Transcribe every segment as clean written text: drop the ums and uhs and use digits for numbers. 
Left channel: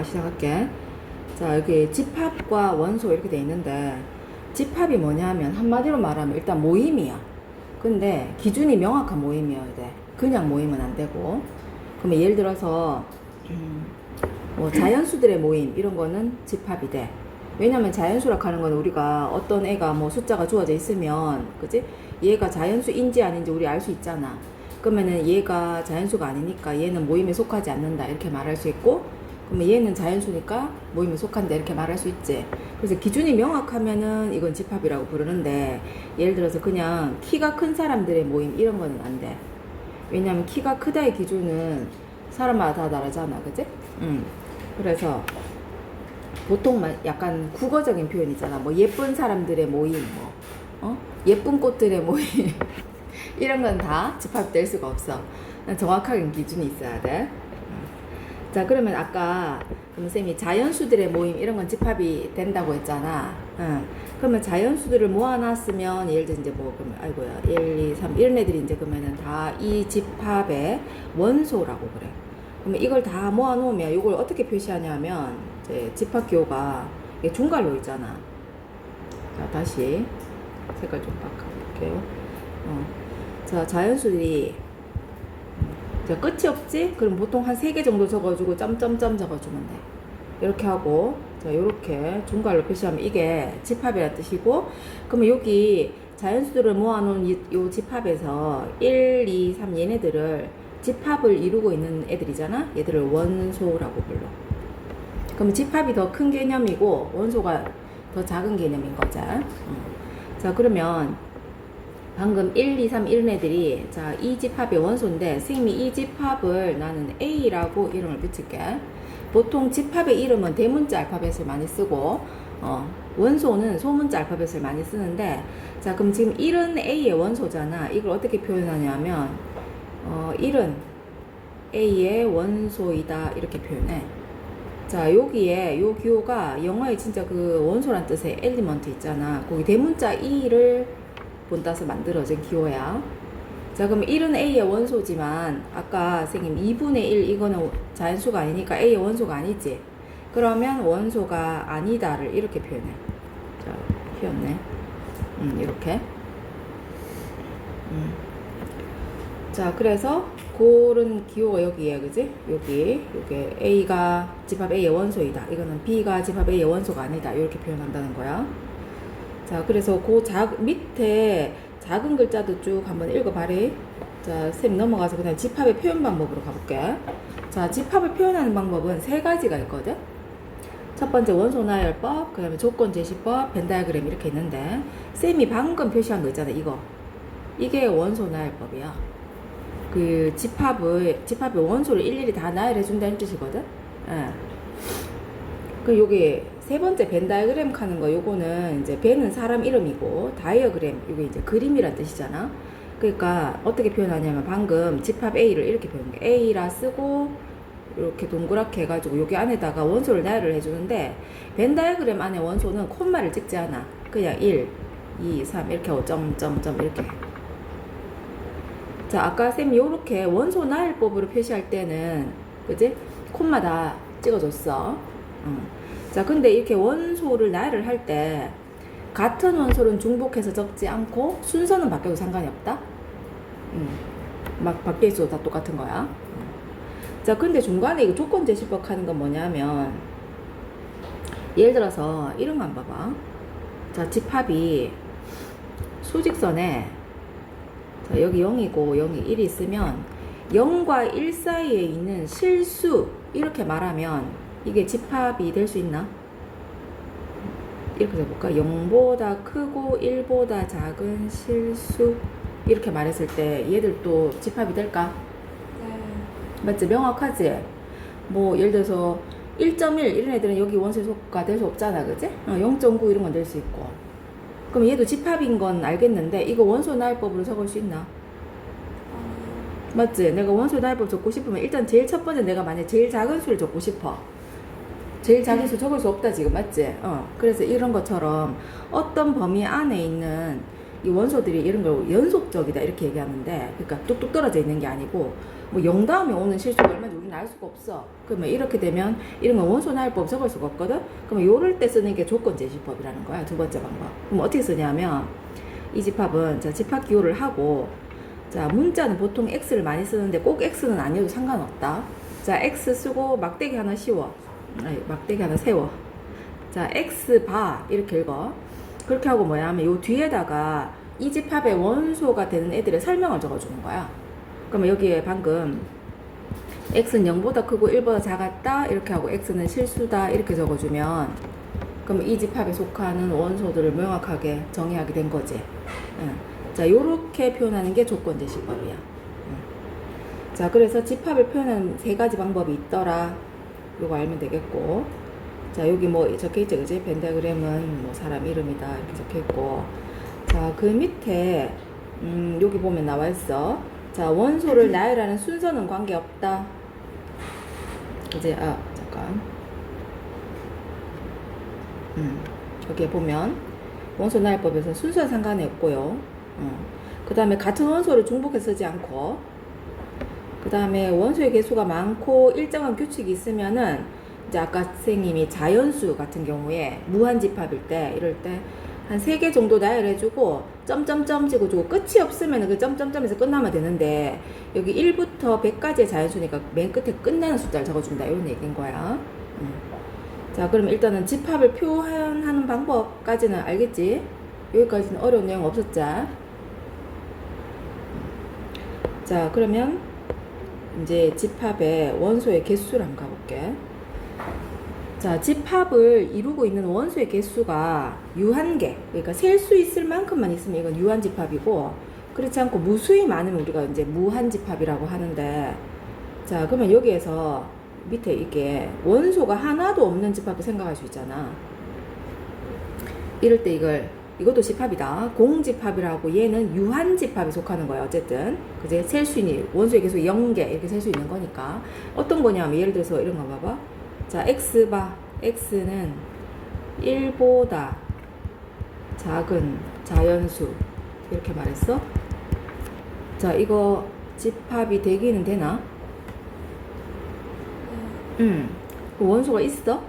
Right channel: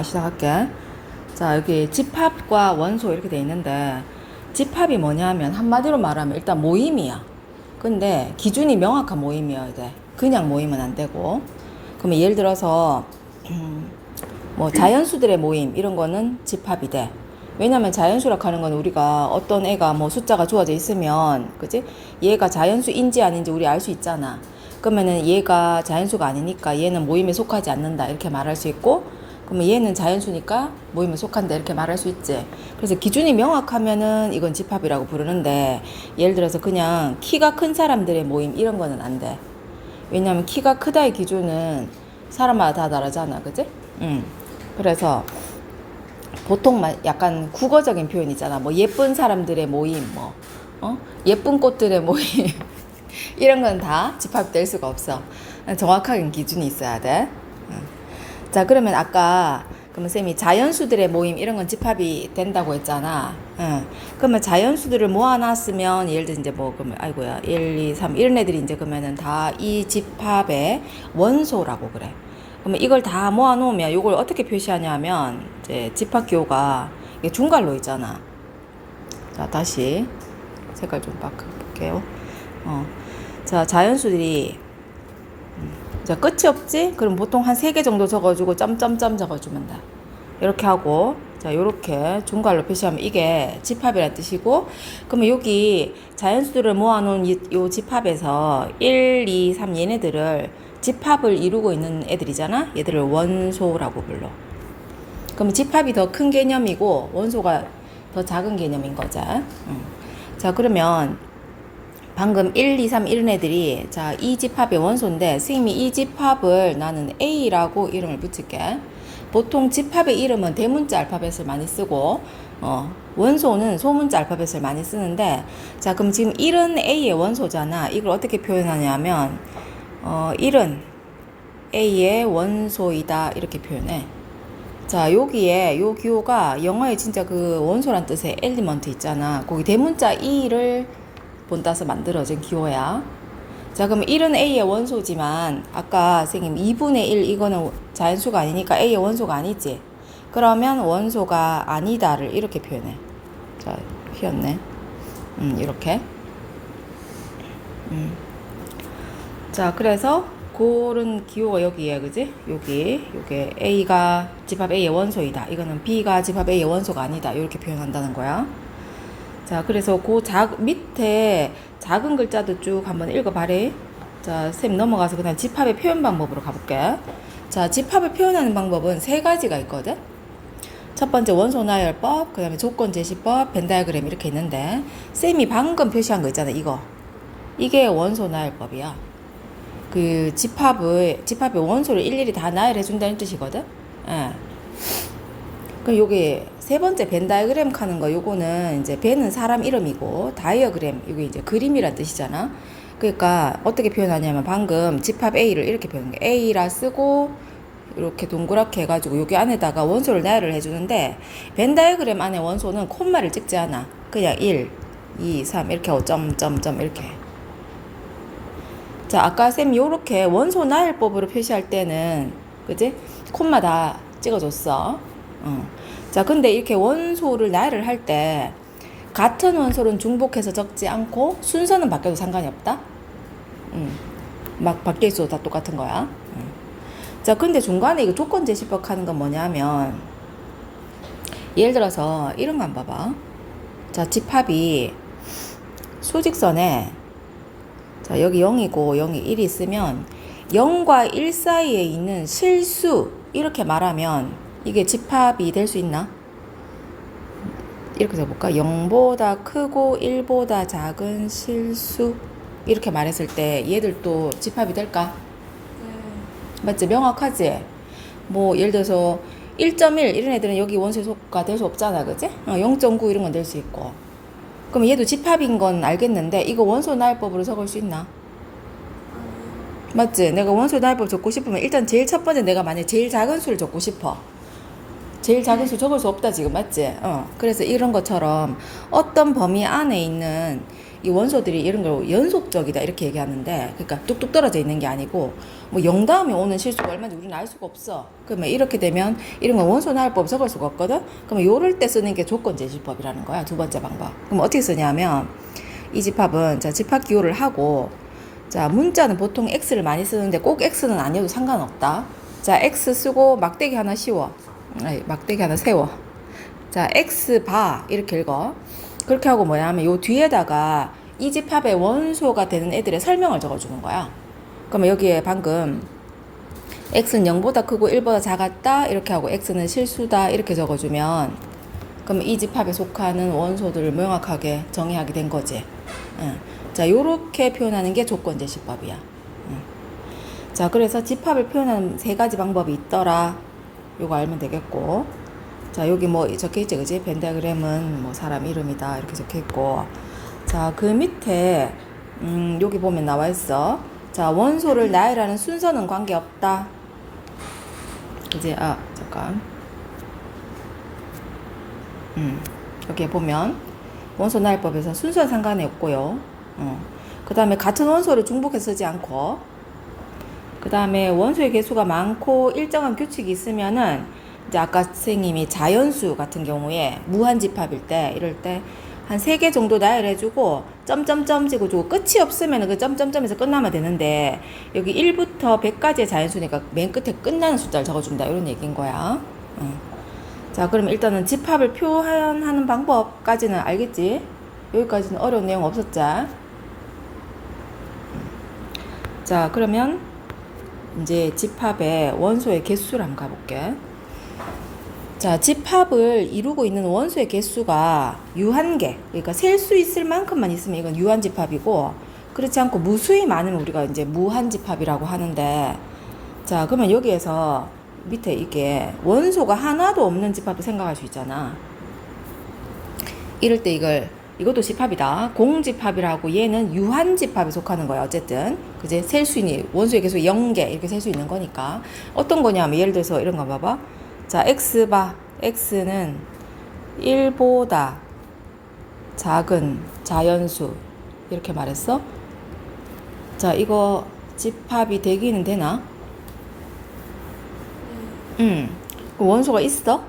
자, 시작할게. 자, 여기 집합과 원소 이렇게 돼 있는데, 집합이 뭐냐 하면 한마디로 말하면 일단 모임이야. 근데 기준이 명확한 모임이어야 돼. 그냥 모이면 안 되고. 그러면 예를 들어서 뭐 자연수들의 모임 이런 거는 집합이 돼. 왜냐면 자연수라고 하는 건 우리가 어떤 애가 뭐 숫자가 주어져 있으면, 그지? 얘가 자연수인지 아닌지 우리 알 수 있잖아. 그러면은 얘가 자연수가 아니니까 얘는 모임에 속하지 않는다 이렇게 말할 수 있고, 그러면 얘는 자연수니까 모임에 속한다 이렇게 말할 수 있지. 그래서 기준이 명확하면은 이건 집합이라고 부르는데, 예를 들어서 그냥 키가 큰 사람들의 모임 이런 거는 안 돼. 왜냐면 키가 크다의 기준은 사람마다 다 다르잖아, 그지? 그래서 보통 약간 국어적인 표현이잖아. 뭐 예쁜 사람들의 모임, 예쁜 꽃들의 모임 이런 건 다 집합될 수가 없어. 정확하게 기준이 있어야 돼. 자, 그러면 아까 그러면 쌤이 자연수들의 모임 이런 건 집합이 된다고 했잖아. 그러면 자연수들을 모아놨으면 예를 들어 이제 뭐 그러면 아이고야 1, 2, 3 이런 애들이 이제 그러면은 다 이 집합의 원소라고 그래. 그러면 이걸 다 모아놓으면 이걸 어떻게 표시하냐면 이제 집합 기호가 이게 중괄로 있잖아. 자, 다시 색깔 좀 바꿔볼게요. 자, 자연수들이 자, 끝이 없지? 그럼 보통 한 3개 정도 적어주고 점점점 적어주면 돼. 이렇게 하고, 자, 요렇게 중괄로 표시하면 이게 집합이라는 뜻이고, 그러면 여기 자연수들을 모아놓은 요 집합에서 1, 2, 3 얘네들을 집합을 이루고 있는 애들이잖아? 얘들을 원소라고 불러. 그러면 집합이 더 큰 개념이고, 원소가 더 작은 개념인 거지. 자, 그러면 방금 1, 2, 3 이런 애들이 자, 이 집합의 원소인데 선생님이 이 집합을 나는 A라고 이름을 붙일게. 보통 집합의 이름은 대문자 알파벳을 많이 쓰고 원소는 소문자 알파벳을 많이 쓰는데, 자, 그럼 지금 1은 A의 원소잖아. 이걸 어떻게 표현하냐면 1은 A의 원소이다 이렇게 표현해. 자, 여기에 요 기호가 영어에 진짜 그 원소란 뜻의 엘리먼트 있잖아. 거기 대문자 E를 본따서 만들어진 기호야. 자, 그럼 1은 A의 원소지만 아까 선생님 2분의 1 이거는 자연수가 아니니까 A의 원소가 아니지. 그러면 원소가 아니다를 이렇게 표현해. 자, 휘었네. 이렇게. 자, 그래서 고른 기호가 여기에, 그지? 요게 A가 집합 A의 원소이다. 이거는 B가 집합 A의 원소가 아니다. 이렇게 표현한다는 거야. 자, 그래서 그 밑에 작은 글자도 쭉 한번 읽어봐래. 자, 쌤 넘어가서 그냥 집합의 표현 방법으로 가볼게. 자, 집합을 표현하는 방법은 3가지가 있거든. 첫 번째 원소 나열법, 그 다음에 조건 제시법, 벤 다이어그램 이렇게 있는데, 쌤이 방금 표시한 거 있잖아, 이거. 이게 원소 나열법이야. 그 집합의 원소를 일일이 다 나열해준다는 뜻이거든. 예. 그 요게 세 번째 벤 다이어그램 하는 거, 요거는 이제 벤은 사람 이름이고 다이어그램 이게 이제 그림이란 뜻이잖아. 그러니까 어떻게 표현하냐면 방금 집합 A를 이렇게 표현한 게 A라 쓰고 이렇게 동그랗게 해가지고 여기 안에다가 원소를 나열을 해주는데, 벤 다이어그램 안에 원소는 콤마를 찍지 않아. 그냥 1, 2, 3 이렇게 하고 점점점 이렇게 해. 자, 아까 쌤이 요렇게 원소 나열법으로 표시할 때는 그지? 콤마 다 찍어줬어. 자, 근데 이렇게 원소를 나열을 할 때 같은 원소는 중복해서 적지 않고 순서는 바뀌어도 상관이 없다. 막 바뀌어 있어도 다 똑같은 거야. 자, 근데 중간에 이거 조건 제시법 하는 건 뭐냐면, 예를 들어서 이런만 봐봐. 자, 집합이 수직선에 자, 여기 0이고 0이 1이 있으면 0과 1 사이에 있는 실수 이렇게 말하면 이게 집합이 될 수 있나? 이렇게 해볼까? 0보다 크고 1보다 작은 실수 이렇게 말했을 때 얘들도 집합이 될까? 맞지? 명확하지? 뭐 예를 들어서 1.1 이런 애들은 여기 원소가 될 수 없잖아, 그지? 0.9 이런 건 될 수 있고. 그럼 얘도 집합인 건 알겠는데 이거 원소 나열법으로 적을 수 있나? 맞지? 내가 원소 나열법 적고 싶으면 일단 제일 첫 번째 내가 만약에 제일 작은 수를 적고 싶어. 제일 작은 수 적을 수 없다 지금, 맞지? 그래서 이런 것처럼 어떤 범위 안에 있는 이 원소들이 이런 걸 연속적이다 이렇게 얘기하는데, 그러니까 뚝뚝 떨어져 있는 게 아니고 뭐 0 다음에 오는 실수가 얼마인지 우리는 알 수가 없어. 그러면 이렇게 되면 이런 건 원소 나열법 적을 수가 없거든. 그러면 요럴 때 쓰는 게 조건 제시법이라는 거야. 두 번째 방법. 그럼 어떻게 쓰냐면 이 집합은 자 집합 기호를 하고, 자 문자는 보통 x를 많이 쓰는데 꼭 x는 아니어도 상관없다. 자 x 쓰고 막대기 하나 씌워. 아니, 막대기 하나 세워. 자 x 바 이렇게 읽어. 그렇게 하고 뭐냐 하면 요 뒤에다가 이 집합의 원소가 되는 애들의 설명을 적어주는 거야. 그러면 여기에 방금 x는 0보다 크고 1보다 작았다 이렇게 하고 x는 실수다 이렇게 적어주면, 그럼 이 집합에 속하는 원소들을 명확하게 정의하게 된 거지. 응. 자 요렇게 표현하는 게 조건제시법이야. 응. 자 그래서 집합을 표현하는 세 가지 방법이 있더라. 요거 알면 되겠고, 자 여기 뭐 적혀있지 그지? 펜타그램은 뭐 사람 이름이다 이렇게 적혀있고, 자 그 밑에 여기 보면 나와있어. 자 원소를 나열하는 순서는 관계없다. 이제 잠깐 여기에 보면 원소 나열법에서 순서는 상관이 없고요. 그 다음에 같은 원소를 중복해서 쓰지 않고, 그 다음에 원소의 개수가 많고 일정한 규칙이 있으면은 이제 아까 선생님이 자연수 같은 경우에 무한집합일 때 이럴 때 한 3개 정도 나열해주고 점점점 찍어주고 끝이 없으면 그 점점점에서 끝나면 되는데, 여기 1부터 100까지의 자연수니까 맨 끝에 끝나는 숫자를 적어준다 이런 얘기인 거야. 자 그럼 일단은 집합을 표현하는 방법까지는 알겠지? 여기까지는 어려운 내용 없었지? 자 그러면 이제 집합의 원소의 개수를 한번 가볼게. 자 집합을 이루고 있는 원소의 개수가 유한개, 그러니까 셀 수 있을 만큼만 있으면 이건 유한집합이고, 그렇지 않고 무수히 많으면 우리가 이제 무한집합이라고 하는데, 자 그러면 여기에서 밑에 이게 원소가 하나도 없는 집합도 생각할 수 있잖아. 이럴 때 이것도 집합이다. 공집합이라고, 얘는 유한집합에 속하는 거야. 어쨌든 그제 셀 수 있는 원소의 개수 0개 이렇게 셀 수 있는 거니까. 어떤 거냐면 예를 들어서 이런 거 봐봐. 자 x바, x는 1보다 작은 자연수 이렇게 말했어. 자 이거 집합이 되기는 되나? 그 원소가 있어?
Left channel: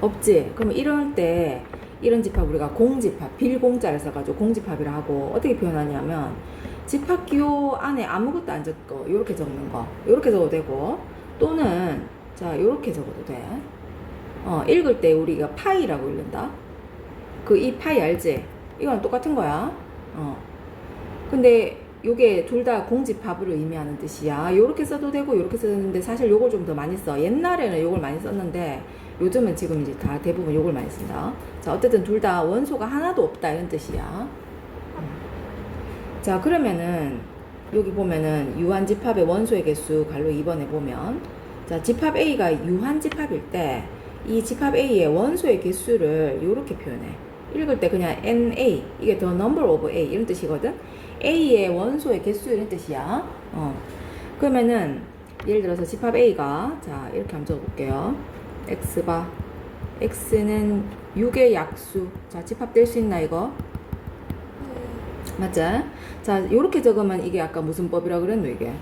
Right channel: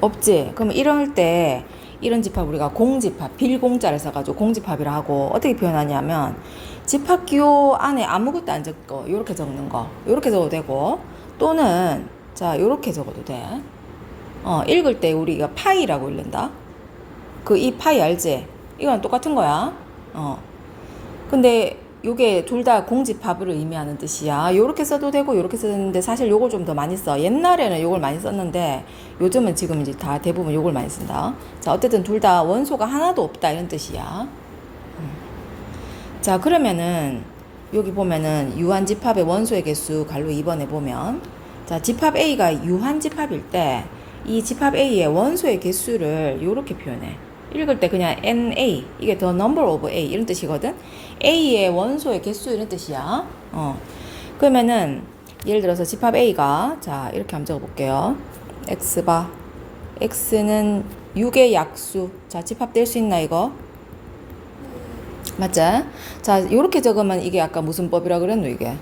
없지? 그럼 이럴 때 이런 집합 우리가 공집합, 빌공자를 써가지고 공집합이라 하고, 어떻게 표현하냐면 집합 기호 안에 아무것도 안 적고 요렇게 적는 거, 요렇게 적어도 되고, 또는 자 요렇게 적어도 돼. 읽을 때 우리가 파이라고 읽는다. 그 이 파이 알지? 이건 똑같은 거야. 근데 요게 둘 다 공집합을 의미하는 뜻이야. 요렇게 써도 되고 요렇게 쓰는데 사실 요걸 좀 더 많이 써. 옛날에는 요걸 많이 썼는데 요즘은 지금 이제 다 대부분 요걸 많이 쓴다. 자 어쨌든 둘 다 원소가 하나도 없다 이런 뜻이야. 자 그러면은 여기 보면은 유한집합의 원소의 개수 갈로 2번에 보면, 자 집합 A가 유한집합일 때 이 집합 A의 원소의 개수를 요렇게 표현해. 읽을 때 그냥 NA, 이게 the number of A 이런 뜻이거든. A의 원소의 개수 이런 뜻이야. 그러면은 예를 들어서 집합 A가 자 이렇게 한번 적어볼게요. X바, X는 6의 약수. 자 집합될 수 있나 이거? 맞지? 자 요렇게 적으면 이게 아까 무슨 법이라 그랬노 이게?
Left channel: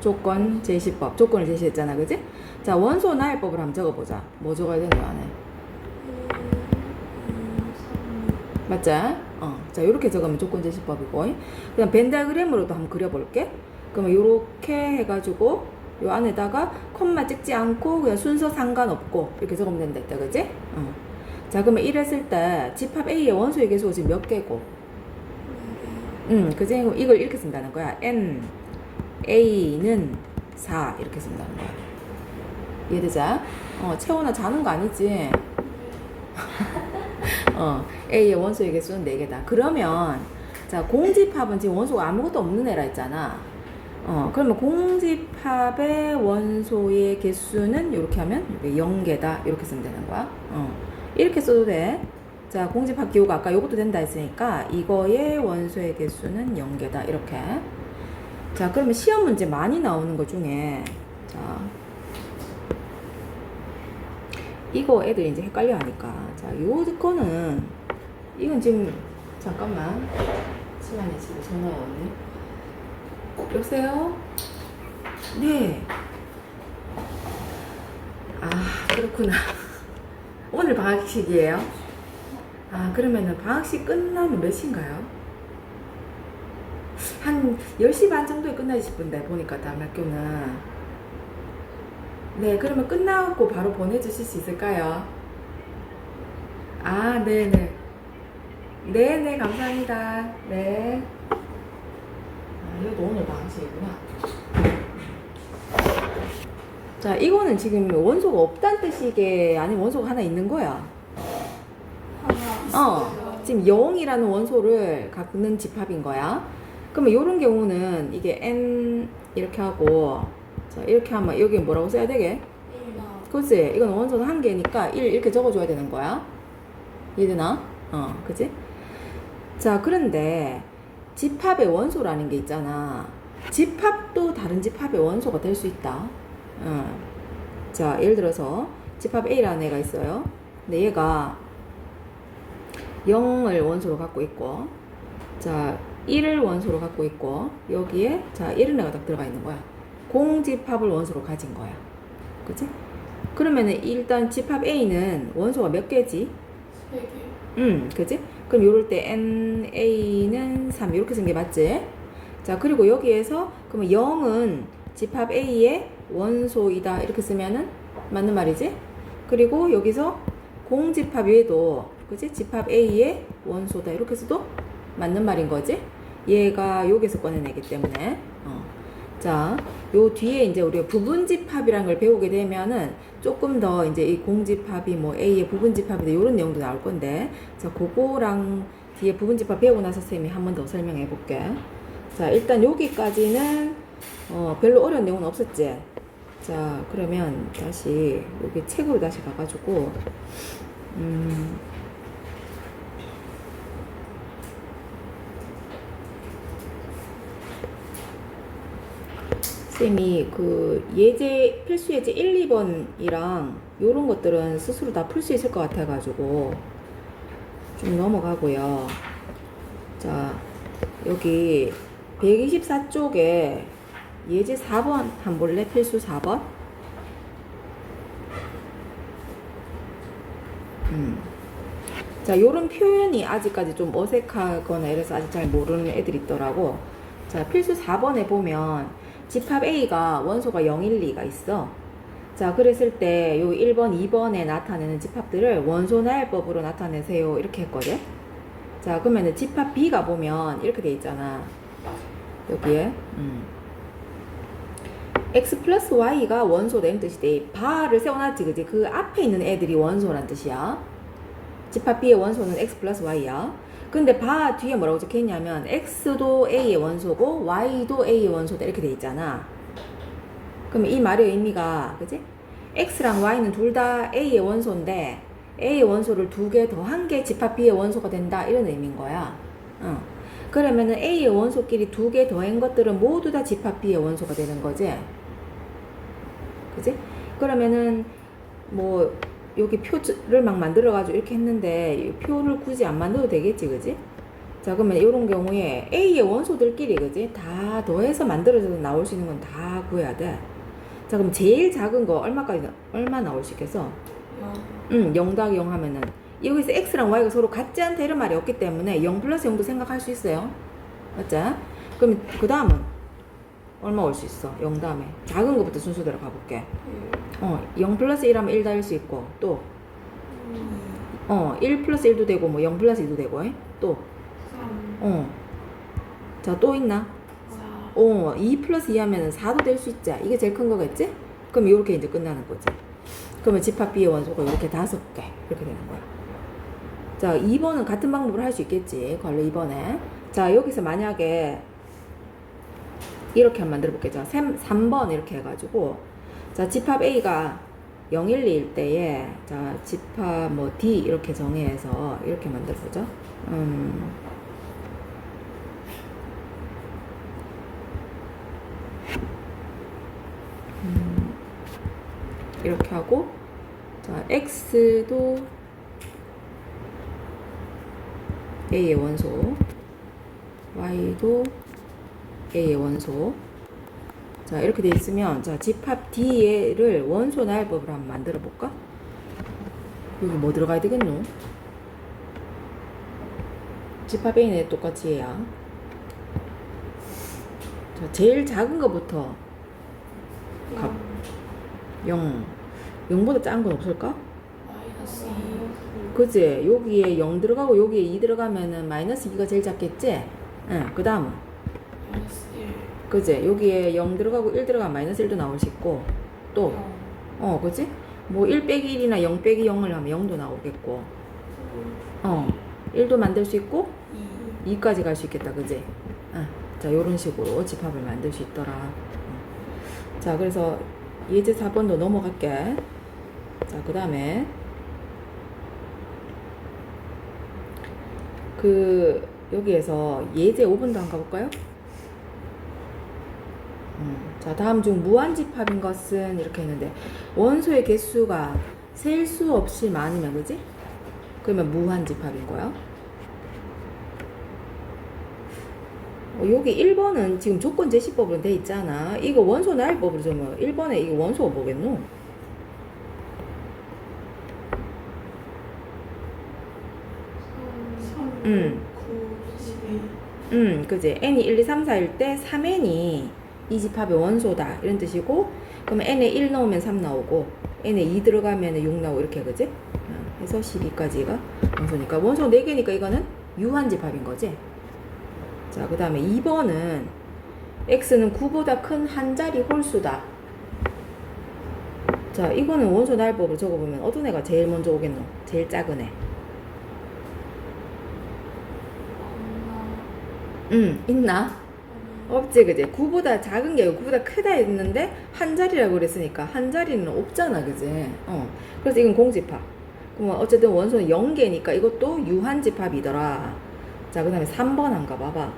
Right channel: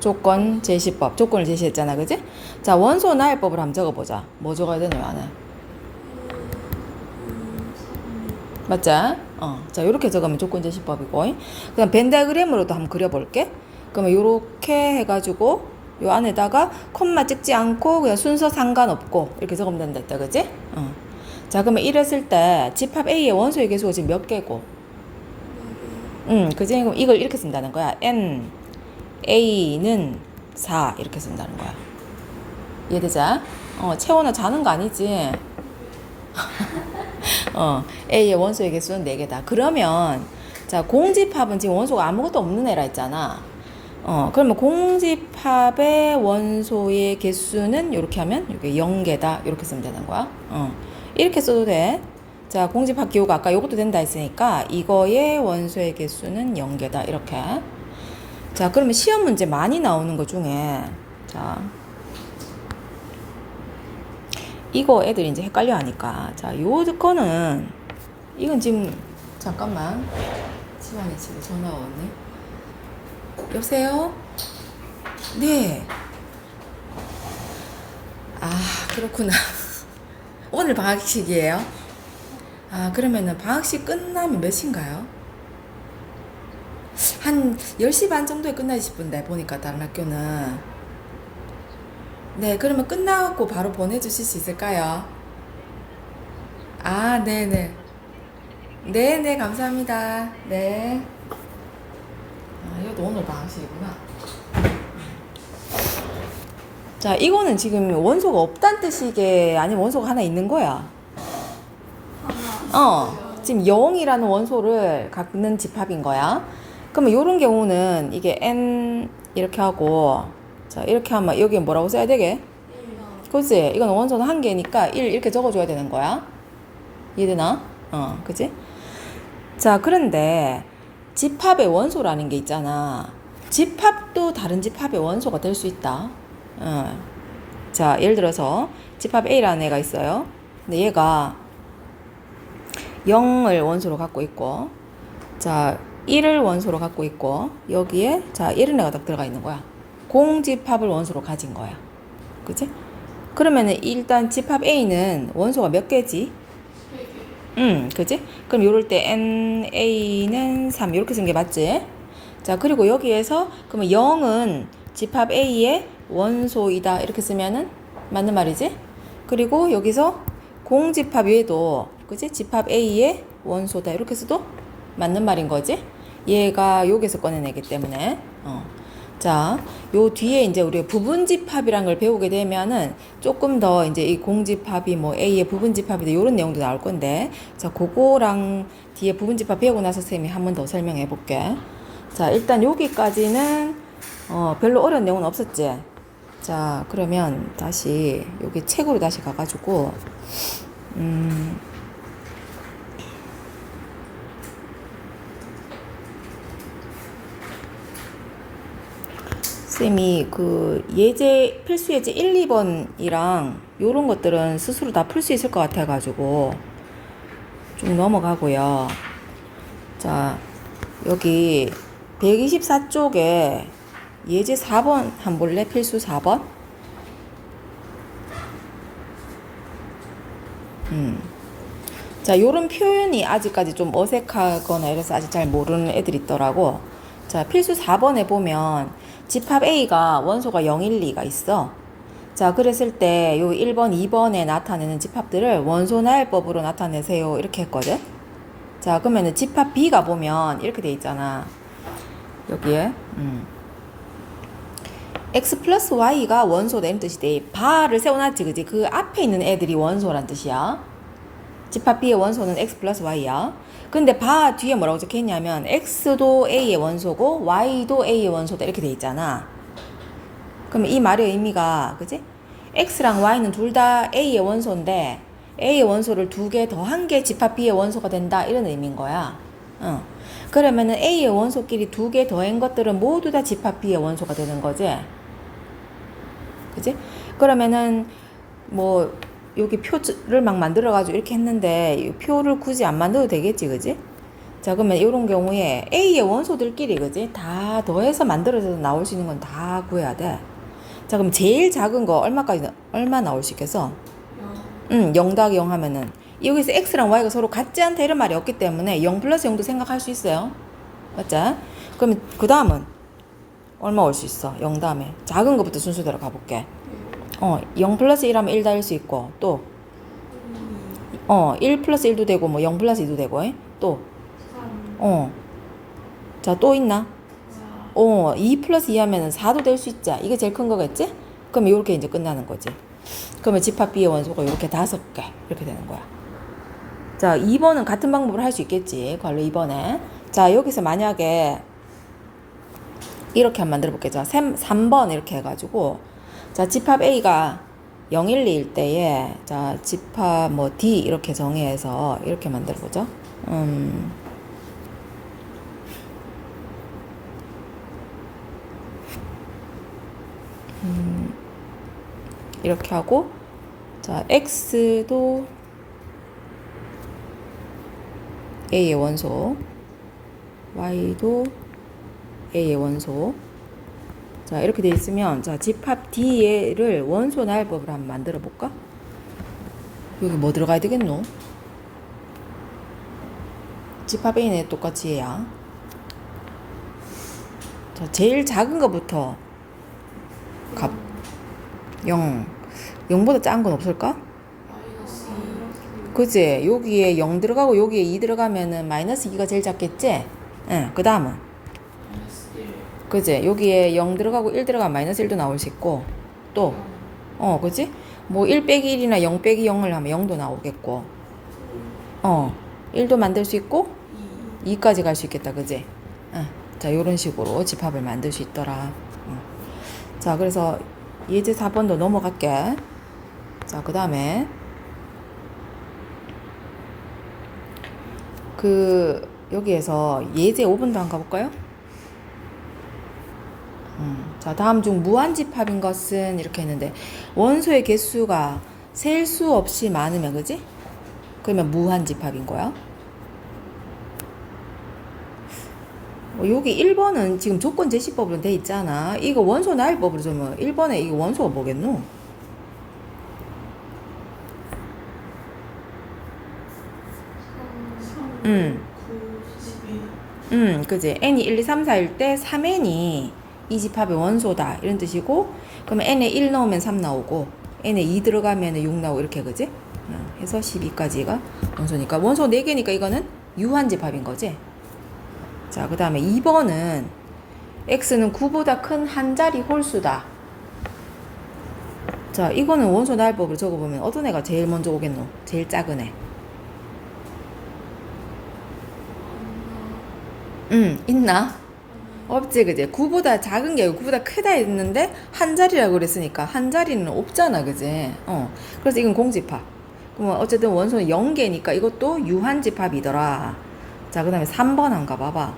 조건 제시법. 조건을 제시했잖아 그지? 자 원소 나열법을 한번 적어보자. 뭐 적어야 되냐 안에? 맞지? 자 요렇게 적으면 조건 제시법이고, 그냥 벤다그램으로도 한번 그려볼게. 그러면 요렇게 해가지고 요 안에다가 콤마 찍지 않고 그냥 순서 상관없고 이렇게 적으면 된다 그지? 자 그러면 이랬을 때 집합 A의 원소의 개수가 지금 몇 개고? 그지? 그럼 이걸 이렇게 쓴다는 거야. N A는 4 이렇게 쓴다는 거야. 이해되자? 채원아 자는 거 아니지? A의 원소의 개수는 4개다. 그러면 자 공집합은 지금 원소가 아무것도 없는 애라 했잖아. 그러면 공집합의 원소의 개수는 이렇게 하면 이게 0개다 이렇게 쓰면 되는 거야. 이렇게 써도 돼. 자 공집합 기호가 아까 요것도 된다 했으니까 이거의 원소의 개수는 0개다 이렇게. 자 그러면 시험 문제 많이 나오는 것 중에 자 이거 애들이 이제 헷갈려 하니까 자 요 거는 이건 지금 잠깐만. 집안에 지금 전화 왔네. 여보세요? 네. 아, 그렇구나. 오늘 방학식이에요? 아, 그러면은 방학식 끝나면 몇 시인가요? 한 10시 반 정도에 끝나지 싶은데, 보니까 다른 학교는. 네, 그러면 끝나고 바로 보내주실 수 있을까요? 아, 네네. 네네, 감사합니다. 네. 아, 이것도 오늘 방학식이구나. 자, 이거는 지금 원소가 없다는 뜻이게 아니면 원소가 하나 있는 거야? 지금 0이라는 원소를 갖는 집합인 거야. 그러면 이런 경우는 이게 n 이렇게 하고, 자, 이렇게 하면 여기 뭐라고 써야 되게? 그치? 이건 원소는 한 개니까 1 이렇게 적어줘야 되는 거야. 이해되나? 그치? 자, 그런데 집합의 원소라는 게 있잖아. 집합도 다른 집합의 원소가 될 수 있다. 자, 예를 들어서 집합 A라는 애가 있어요. 근데 얘가 0을 원소로 갖고 있고, 자, 1을 원소로 갖고 있고, 여기에 자, 이런 애가 딱 들어가 있는 거야. 공집합을 원소로 가진 거야. 그치? 그러면은 일단 집합 A는 원소가 몇 개지? 그치? 그럼 요럴 때 NA는 3 이렇게 쓴 게 맞지? 자, 그리고 여기에서 그러면 0은 집합 A의 원소이다 이렇게 쓰면은 맞는 말이지? 그리고 여기서 공집합 얘도 그치? 집합 A의 원소다 이렇게 써도 맞는 말인 거지? 얘가 여기서 꺼내내기 때문에 자, 요 뒤에 이제 우리가 부분집합이란 걸 배우게 되면은 조금 더 이제 이 공집합이 뭐 A의 부분집합이다 요런 내용도 나올 건데, 자, 그거랑 뒤에 부분집합 배우고 나서 쌤이 한 번 더 설명해 볼게. 자, 일단 여기까지는 별로 어려운 내용은 없었지. 자, 그러면 다시 여기 책으로 다시 가가지고 쌤이 그 예제 필수 예제 1, 2번이랑 요런 것들은 스스로 다 풀 수 있을 것 같아가지고 좀 넘어가고요. 자, 여기 124쪽에 예제 4번 한 볼래? 필수 4번? 자, 요런 표현이 아직까지 좀 어색하거나 이래서 아직 잘 모르는 애들이 있더라고. 자, 필수 4번에 보면 집합 A가 원소가 0, 1, 2가 있어. 자, 그랬을 때 요 1번, 2번에 나타내는 집합들을 원소 나열법으로 나타내세요 이렇게 했거든. 자, 그러면은 집합 B가 보면 이렇게 돼 있잖아. 여기에 X 플러스 Y가 원소다 이런 뜻이 돼. 바를 세워놨지, 그지? 그 앞에 있는 애들이 원소란 뜻이야. 집합 B의 원소는 X 플러스 Y야. 근데 바 뒤에 뭐라고 적혀있냐면 X도 A의 원소고 Y도 A의 원소다 이렇게 돼 있잖아. 그럼 이 말의 의미가, 그지? X랑 Y는 둘 다 A의 원소인데 A의 원소를 두 개 더한 게 집합 B의 원소가 된다 이런 의미인 거야. 그러면은 A의 원소끼리 두 개 더한 것들은 모두 다 집합 B의 원소가 되는 거지. 그지? 그러면은 뭐 여기 표를 막 만들어가지고 이렇게 했는데 이 표를 굳이 안 만들어도 되겠지, 그지? 자, 그러면 이런 경우에 A의 원소들끼리, 그지? 다 더해서 만들어서 나올 수 있는 건 다 구해야 돼. 자, 그럼 제일 작은 거 얼마 나올 수 있겠어? 0 더하기 0 하면은 여기서 X랑 Y가 서로 같지 않다 이런 말이 없기 때문에 0 플러스 0도 생각할 수 있어요. 맞죠? 그럼 그 다음은 얼마 올 수 있어? 0 다음에 작은 거부터 순서대로 가볼게. 0 플러스 1 하면 1 다일 수 있고, 또 1 플러스 1도 되고 뭐 0 플러스 2도 되고, 또 자, 또 있나? 2 플러스 2 하면은 4도 될 수 있자. 이게 제일 큰 거겠지? 그럼 이렇게 이제 끝나는 거지. 그러면 집합 B의 원소가 이렇게 5개 이렇게 되는 거야. 자, 2번은 같은 방법을 할 수 있겠지. 관로 2번에. 자, 여기서 만약에 이렇게 한번 만들어 볼게요. 자, 3번 이렇게 해가지고, 자, 집합 A가 0, 1, 2일 때에, 자, 집합 뭐 D 이렇게 정의해서 이렇게 만들어 보죠. 이렇게 하고, 자, X도 A의 원소, Y도 A의 원소. 자, 이렇게 돼 있으면, 자, 집합 D를 원소 나열법으로 한번 만들어 볼까? 여기 뭐 들어가야 되겠노? 집합 A는 똑같이 해야. 자, 제일 작은 거부터 값 0. 0보다 작은 건 없을까? 마이너스 2. 그치? 여기에 0 들어가고 여기에 2 들어가면은 마이너스 2가 제일 작겠지? 응, 그 다음은? 마이너스 1. 그치? 여기에 0 들어가고 1 들어가면 마이너스 1도 나올 수 있고, 또, 그치? 뭐 1 빼기 1이나 0 빼기 0을 하면 0도 나오겠고, 1도 만들 수 있고, 2까지 갈 수 있겠다, 그치? 응. 자, 요런 식으로 집합을 만들 수 있더라. 자, 그래서 예제 4번도 넘어갈게. 자, 그 다음에, 여기에서 예제 5번도 한번 가볼까요? 자, 다음 중 무한집합인 것은 이렇게 했는데, 원소의 개수가 셀 수 없이 많으면, 그지? 그러면 무한집합인 거야. 여기 1번은 지금 조건 제시법으로 돼 있잖아. 이거 원소 나열법으로 좀 1번에 이거 원소가 뭐겠노? 그지? n이 1, 2, 3, 4일 때 3n이 이 집합의 원소다 이런 뜻이고, 그러면 n에 1 넣으면 3 나오고 n에 2 들어가면 6 나오고 이렇게, 그지? 해서 12까지가 원소니까 원소 4개니까 이거는 유한집합인 거지. 자, 그 다음에 2번은 x는 9보다 큰 한 자리 홀수다. 자, 이거는 원소 나열법으로 적어보면 어떤 애가 제일 먼저 오겠노? 제일 작은 애. 있나? 없지, 그지? 9보다 작은 게 아니고 9보다 크다 했는데 한 자리라고 그랬으니까 한 자리는 없잖아, 그지? 그래서 이건 공집합. 그럼 어쨌든 원소는 0개니까 이것도 유한집합이더라. 자, 그 다음에 3번 한가 봐봐.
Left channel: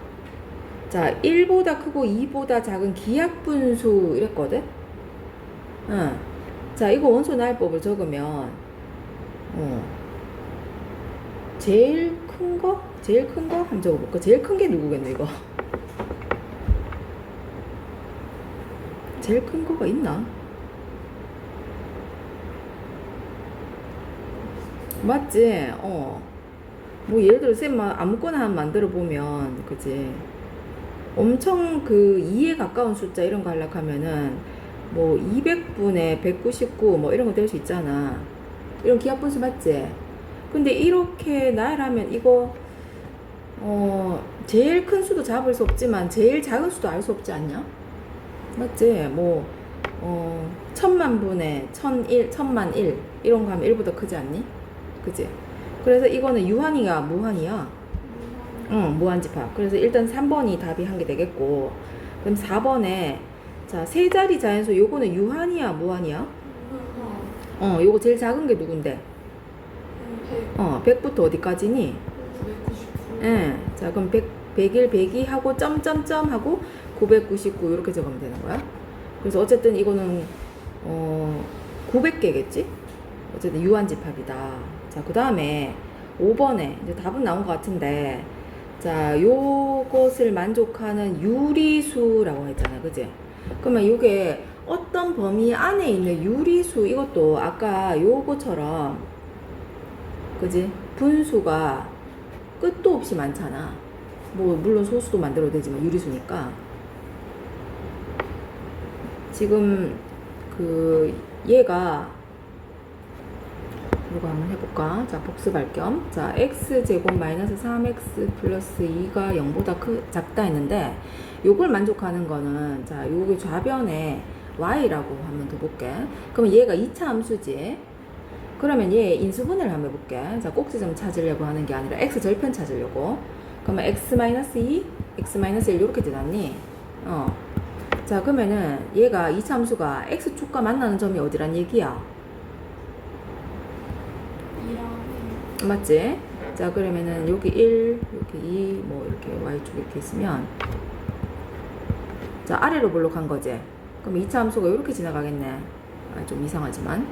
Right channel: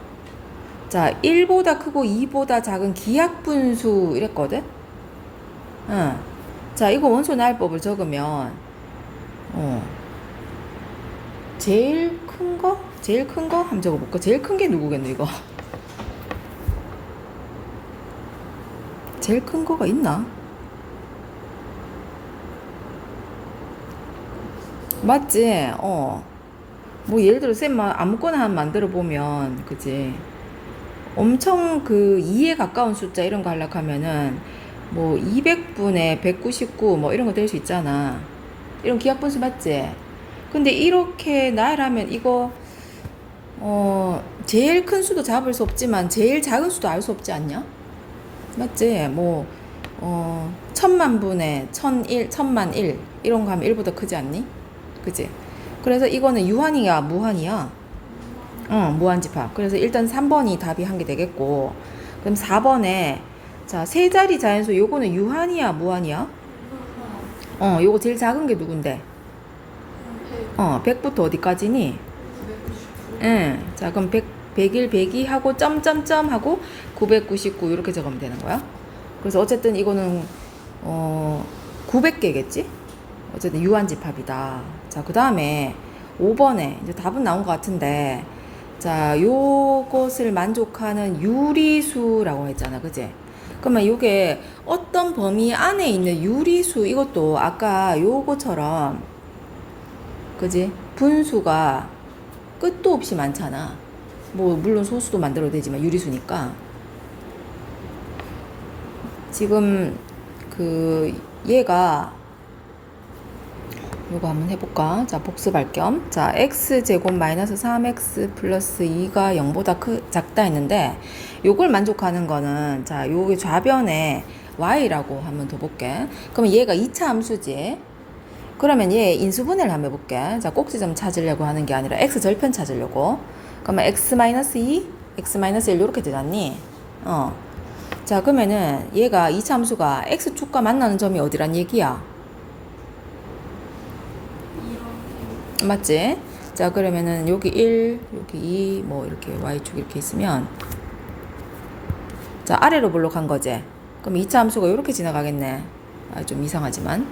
자, 1보다 크고 2보다 작은 기하분수 이랬거든? 자, 이거 원소 나열법을 적으면 제일 큰 거? 제일 큰 거? 한번 적어볼까? 제일 큰 게 누구겠노, 이거? 제일 큰 거가 있나? 맞지? 뭐 예를 들어 쌤 아무거나 한 만들어 보면, 그지? 엄청 2에 가까운 숫자 이런 거 하려고 하면은 뭐 200분의 199 뭐 이런 거 될 수 있잖아. 이런 기하분수 맞지? 근데 이렇게 나열하면 이거 제일 큰 수도 잡을 수 없지만 제일 작은 수도 알 수 없지 않냐? 맞지? 뭐 1000만분의 1001, 1000만1 이런 거 하면 1보다 크지 않니? 그치? 그래서 이거는 유한이야, 무한이야? 무한집합. 그래서 일단 3번이 답이 한 개 되겠고, 그럼 4번에 자, 세 자리 자연수 요거는 유한이야, 무한이야? 요거 제일 작은 게 누군데? 100부터 어디까지니? 999. 자, 그럼 100일 102 하고 점점점 하고 999 이렇게 적으면 되는 거야. 그래서 어쨌든 이거는 900개겠지? 어쨌든 유한집합이다. 자, 그 다음에 5번에 이제 답은 나온 것 같은데, 자, 요것을 만족하는 유리수라고 했잖아, 그지? 그러면 요게 어떤 범위 안에 있는 유리수, 이것도 아까 요거처럼, 그지? 분수가 끝도 없이 많잖아. 뭐 물론 소수도 만들어도 되지만 유리수니까. 지금 얘가 이거 한번 해볼까? 자, 복습할 겸. 자, x제곱 마이너스 3x 플러스 2가 0보다 작다 했는데, 요걸 만족하는 거는, 자, 요게 좌변에 y라고 한번 더 볼게. 그러면 얘가 2차 함수지. 그러면 얘 인수분해를 한번 해볼게. 자, 꼭지점 찾으려고 하는 게 아니라 x 절편 찾으려고. 그러면 x 마이너스 2, x 마이너스 1 이렇게 되잖니? 자, 그러면은 얘가 2차 함수가 x축과 만나는 점이 어디란 얘기야? 맞지? 자, 그러면은 여기 1, 여기 2, 뭐 이렇게 y축 이렇게 있으면, 자, 아래로 블록한 거지? 그럼 2차 함수가 이렇게 지나가겠네. 좀 이상하지만.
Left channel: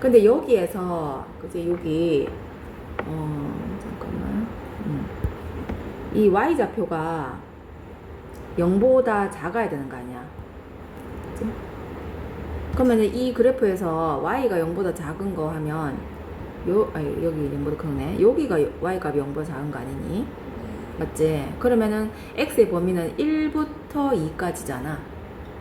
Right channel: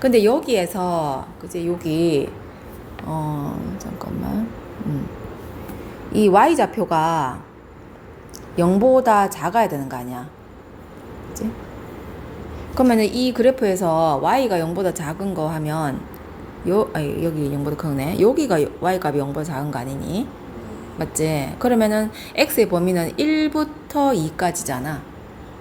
근데 여기에서, 그지? 여기 잠깐만. 이 y좌표가 0보다 작아야 되는 거 아니야? 그치? 그러면은 이 그래프에서 y가 0보다 작은 거 하면 여기 0보다 크네. 여기가 y 값이 0보다 작은 거 아니니? 맞지? 그러면은 x의 범위는 1부터 2까지잖아.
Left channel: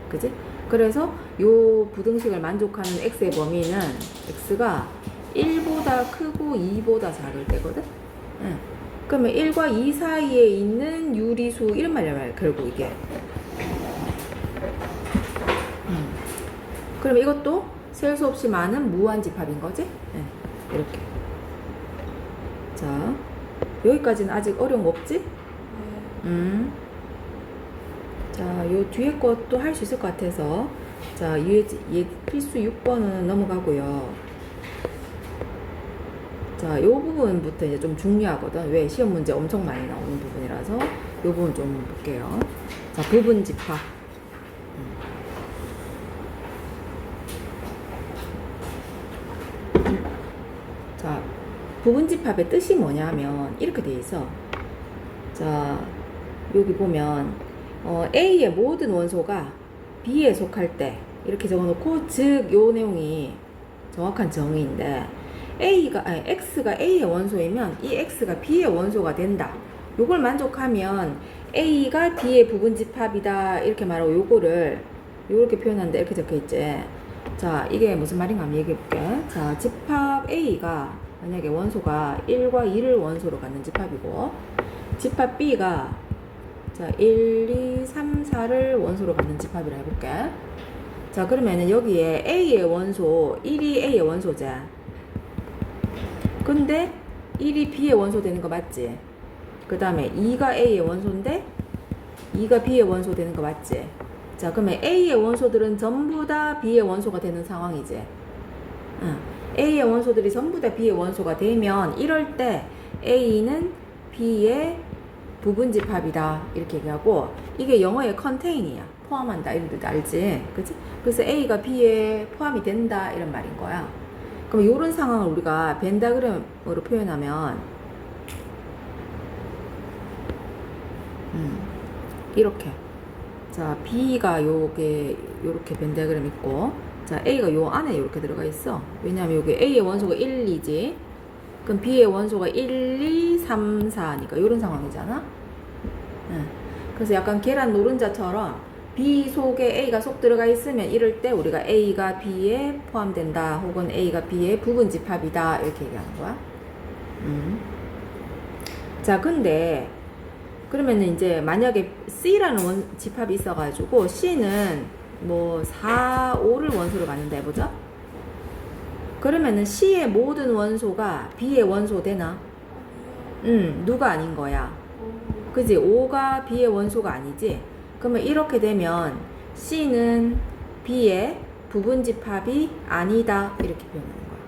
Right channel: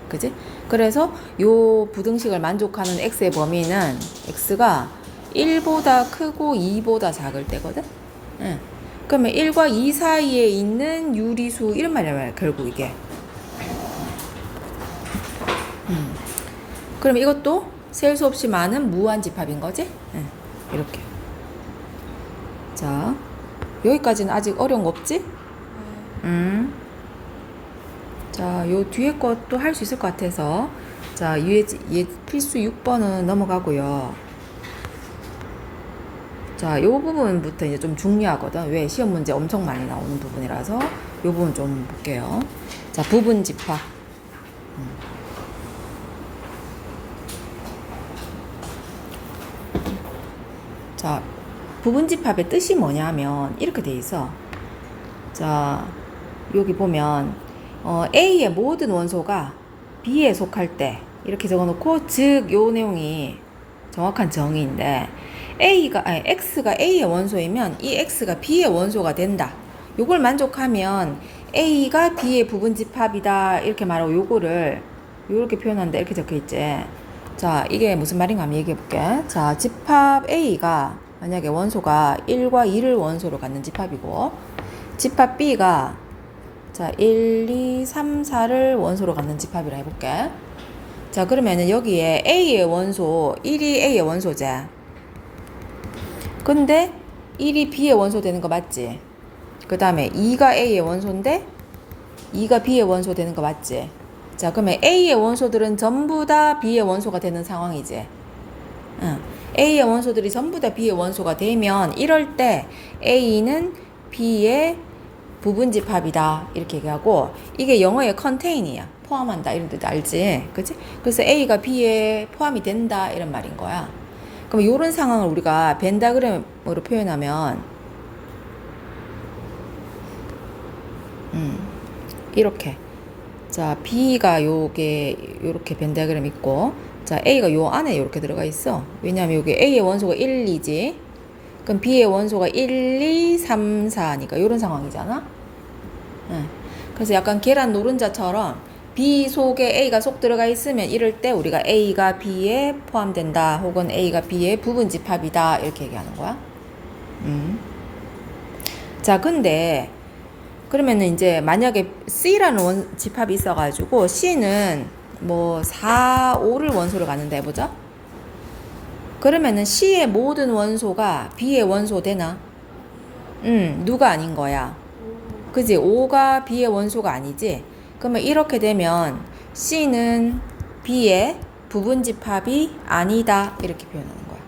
그지? 그래서 요 부등식을 만족하는 x의 범위는 x가 1보다 크고 2보다 작을 때거든? 응. 그러면 1과 2 사이에 있는 유리수 이런 말이야 결국 이게. 그럼 이것도 셀 수 없이 많은 무한집합인 거지? 응. 이렇게. 자, 여기까지는 아직 어려운 거 없지? 자, 요 뒤에 것도 할 수 있을 것 같아서 자, 필수 6번은 넘어가고요. 자, 요 부분부터 이제 좀 중요하거든. 왜? 시험 문제 엄청 많이 나오는 부분이라서 요 부분 좀 볼게요. 자, 부분집합. 자, 부분집합의 뜻이 뭐냐면 이렇게 돼 있어. 자, 여기 보면 A의 모든 원소가 B에 속할 때 이렇게 적어놓고 즉 요 내용이 정확한 정의인데 X가 A의 원소이면 이 X가 B의 원소가 된다. 요걸 만족하면 A가 B의 부분집합이다 이렇게 말하고 요거를 요렇게 표현하는데 이렇게 적혀있지. 자, 이게 무슨 말인가 한번 얘기해볼게. 자, 집합 A가 만약에 원소가 1과 2를 원소로 갖는 집합이고 집합 B가 자 1, 2, 3, 4를 원소로 갖는 집합이라 해볼게. 자, 그러면은 여기에 A의 원소 1이 A의 원소제. 근데 1이 B의 원소 되는 거 맞지? 그 다음에 2가 A의 원소인데 2가 B의 원소 되는 거 맞지? 자, 그러면 A의 원소들은 전부 다 B의 원소가 되는 상황이지. 응. A의 원소들이 전부 다 B의 원소가 되면 이럴 때 A는 B의 부분집합이다 이렇게 얘기하고 이게 영어의 컨테인이야. 포함한다 이런 뜻 알지? 그치? 그래서 A가 B에 포함이 된다 이런 말인 거야. 그럼 이런 상황을 우리가 벤다그램으로 표현하면 이렇게 자 B가 요게 요렇게 벤다그램 있고 자 A가 요 안에 요렇게 들어가 있어. 왜냐면 요게 A의 원소가 1, 2지. 그럼 B의 원소가 1, 2, 3, 4니까 요런 상황이잖아. 그래서 약간 계란 노른자처럼 B 속에 A가 쏙 들어가 있으면 이럴 때 우리가 A가 B에 포함된다 혹은 A가 B의 부분집합이다 이렇게 얘기하는 거야. 자, 근데 그러면은 이제 만약에 C라는 집합이 있어가지고 C는 뭐 4, 5를 원소로 갖는다 해보자. 그러면은 C의 모든 원소가 B의 원소 되나? 누가 아닌 거야. 그지? 5가 B의 원소가 아니지? 그러면 이렇게 되면 C는 B의 부분집합이 아니다 이렇게 표현하는 거야.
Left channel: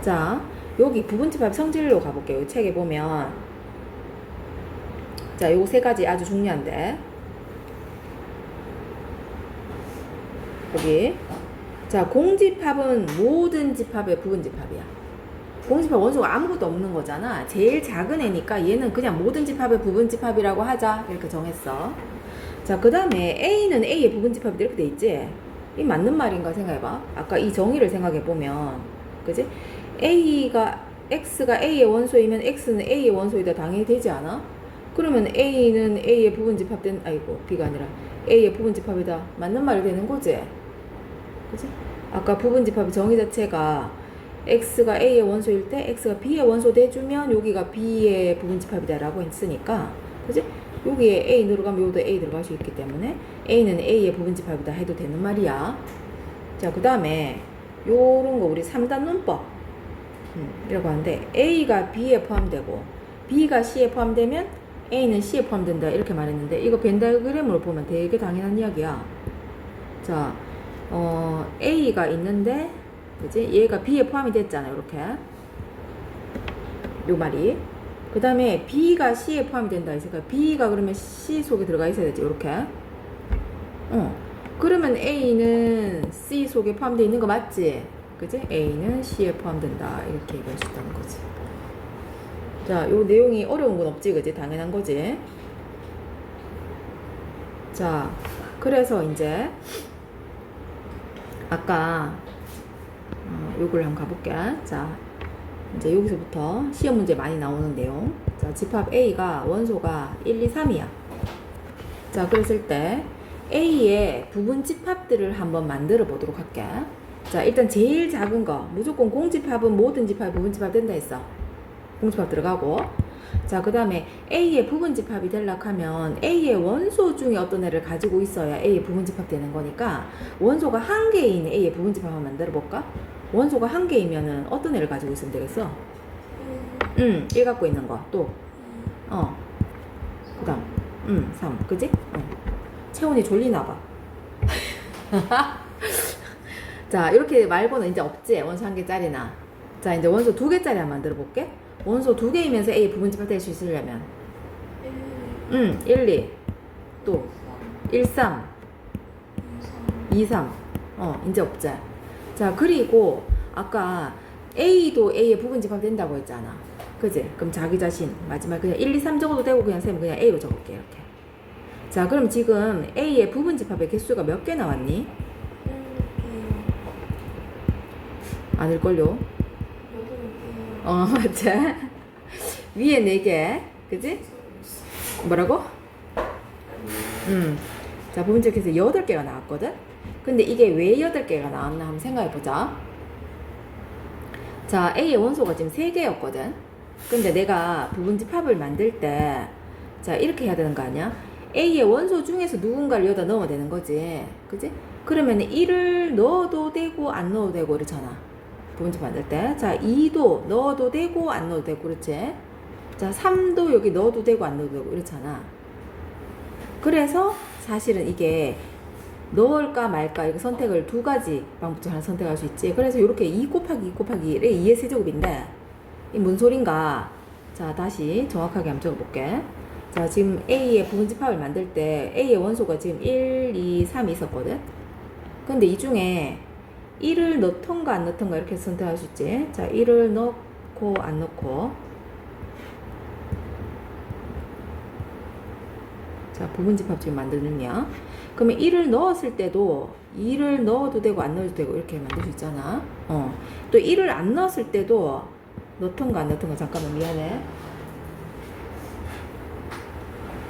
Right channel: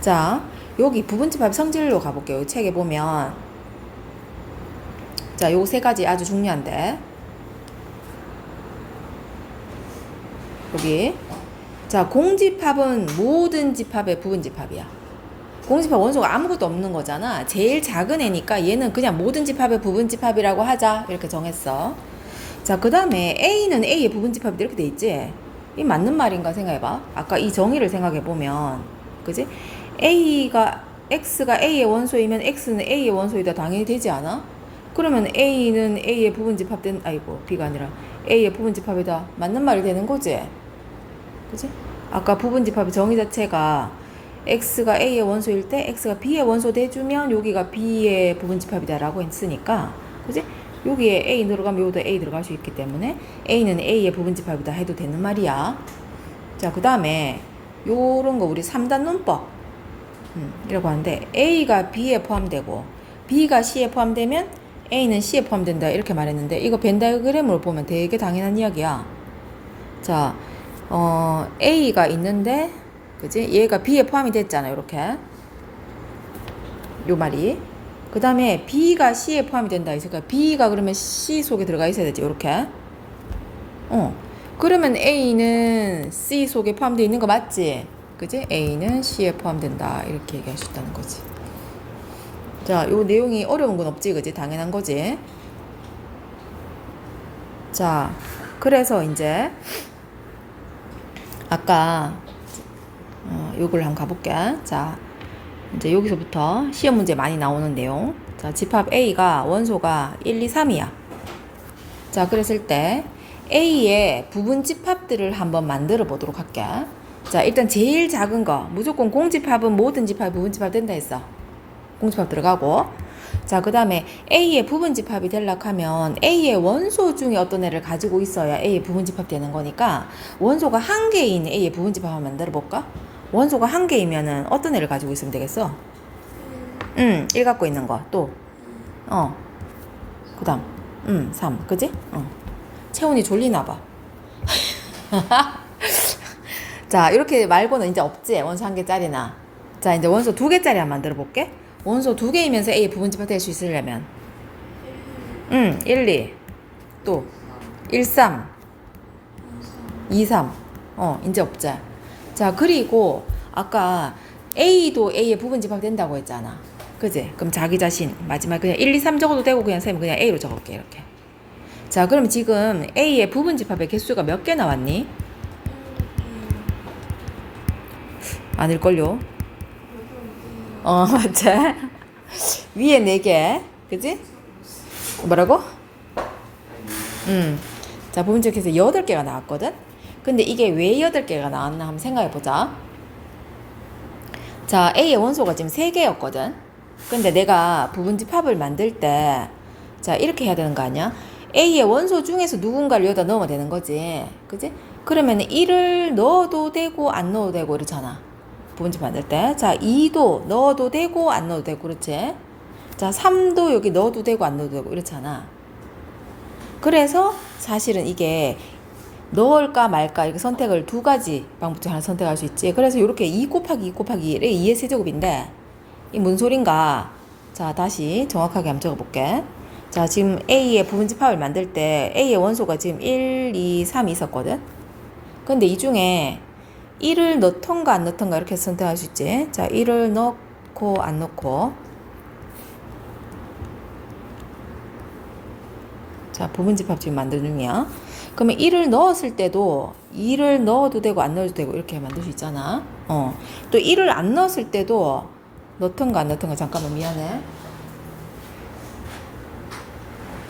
자, 여기 부분집합 성질로 가볼게요. 이 책에 보면 자, 요 세 가지 아주 중요한데 여기 자, 공집합은 모든 집합의 부분집합이야. 공집합 원소가 아무것도 없는 거잖아. 제일 작은 애니까 얘는 그냥 모든 집합의 부분집합이라고 하자 이렇게 정했어. 자, 그 다음에 A는 A의 부분집합이 이렇게 돼 있지. 이 맞는 말인가 생각해봐. 아까 이 정의를 생각해보면 그지? X가 A의 원소이면 X는 A의 원소이다 당연히 되지 않아? 그러면 A는 A의 부분집합 B가 아니라 A의 부분집합이다 맞는 말이 되는 거지? 그치? 아까 부분집합의 정의 자체가 X가 A의 원소일 때 X가 B의 원소 돼주면 여기가 B의 부분집합이다 라고 했으니까 그치? 여기에 A 들어가면 여기도 A 들어갈 수 있기 때문에 A는 A의 부분집합이다 해도 되는 말이야. 자, 그 다음에 요런 거 우리 3단 논법 이라고 하는데 A가 B에 포함되고 B가 C에 포함되면 A는 C에 포함된다 이렇게 말했는데 이거 벤다그램으로 보면 되게 당연한 이야기야. 자, A가 있는데 그지? 얘가 B에 포함이 됐잖아 이렇게 요 말이. 그 다음에 B가 C에 포함이 된다 있으니까 B가 그러면 C 속에 들어가 있어야 되지 이렇게. 그러면 A는 C 속에 포함되어 있는 거 맞지? 그지? A는 C에 포함된다. 이렇게 얘기할 수 있다는 거지. 자, 요 내용이 어려운 건 없지, 그지? 당연한 거지. 자, 그래서 이제 아까 요걸 한번 가볼게. 자, 이제 여기서부터 시험 문제 많이 나오는 내용. 자, 집합 A가 원소가 1, 2, 3이야. 자, 그랬을 때 A의 부분 집합들을 한번 만들어 보도록 할게. 자, 일단 제일 작은 거 무조건 공집합은 모든 집합 부분 집합 된다 했어. 공집합 들어가고. 자, 그 다음에 A의 부분 집합이 되려고 하면 A의 원소 중에 어떤 애를 가지고 있어야 A의 부분 집합 되는 거니까 원소가 한 개인 A의 부분 집합 한번 만들어 볼까? 원소가 한 개이면은 어떤 애를 가지고 있으면 되겠어? 1 갖고 있는 거. 또 그 다음 3. 그지? 채훈이 졸리나 봐. 자, 이렇게 말고는 이제 없지. 원소 한 개짜리나. 자, 이제 원소 두 개짜리 한번 만들어 볼게. 원소 두 개이면서 A 부분 집합 될 수 있으려면 1, 2. 또 1, 3. 2, 3. 이제 없지. 자, 그리고 아까 A도 A의 부분 집합 된다고 했잖아. 그지? 그럼 자기 자신 마지막 그냥 1, 2, 3 적어도 되고 그냥 쌤 그냥 A로 적을게. 이렇게. 자, 그럼 지금 A의 부분 집합의 개수가 몇 개 나왔니? 아닐걸요? 맞지? 위에 4개. 그지? 뭐라고? 자, 부분 집합에서 8개가 나왔거든? 근데 이게 왜 8개가 나왔나 한번 생각해보자. 자, A의 원소가 지금 3개였거든? 근데 내가 부분 집합을 만들 때, 자, 이렇게 해야 되는 거 아니야? A의 원소 중에서 누군가를 여기다 넣으면 되는 거지. 그지? 그러면 1을 넣어도 되고, 안 넣어도 되고, 이렇잖아. 부분 집합 만들 때. 자, 2도 넣어도 되고, 안 넣어도 되고, 그렇지? 자, 3도 여기 넣어도 되고, 안 넣어도 되고, 이렇잖아. 그래서 사실은 이게 넣을까 말까 이렇게 선택을 두 가지 방법 중 하나 선택할 수 있지. 그래서 이렇게 2 곱하기 2 곱하기 2의 세제곱인데 이 뭔 소린가? 자, 다시 정확하게 한번 적어볼게. 자, 지금 A의 부분 집합을 만들 때 A의 원소가 지금 1, 2, 3이 있었거든. 근데 이 중에 1을 넣던가 안 넣던가 이렇게 선택할 수 있지. 자, 1을 넣고 안 넣고. 자, 부분 집합 지금 만드는 중이야. 그러면 1을 넣었을 때도 2를 넣어도 되고 안 넣어도 되고 이렇게 만들 수 있잖아. 또 1을 안 넣었을 때도 넣던가 안 넣던가. 잠깐만, 미안해.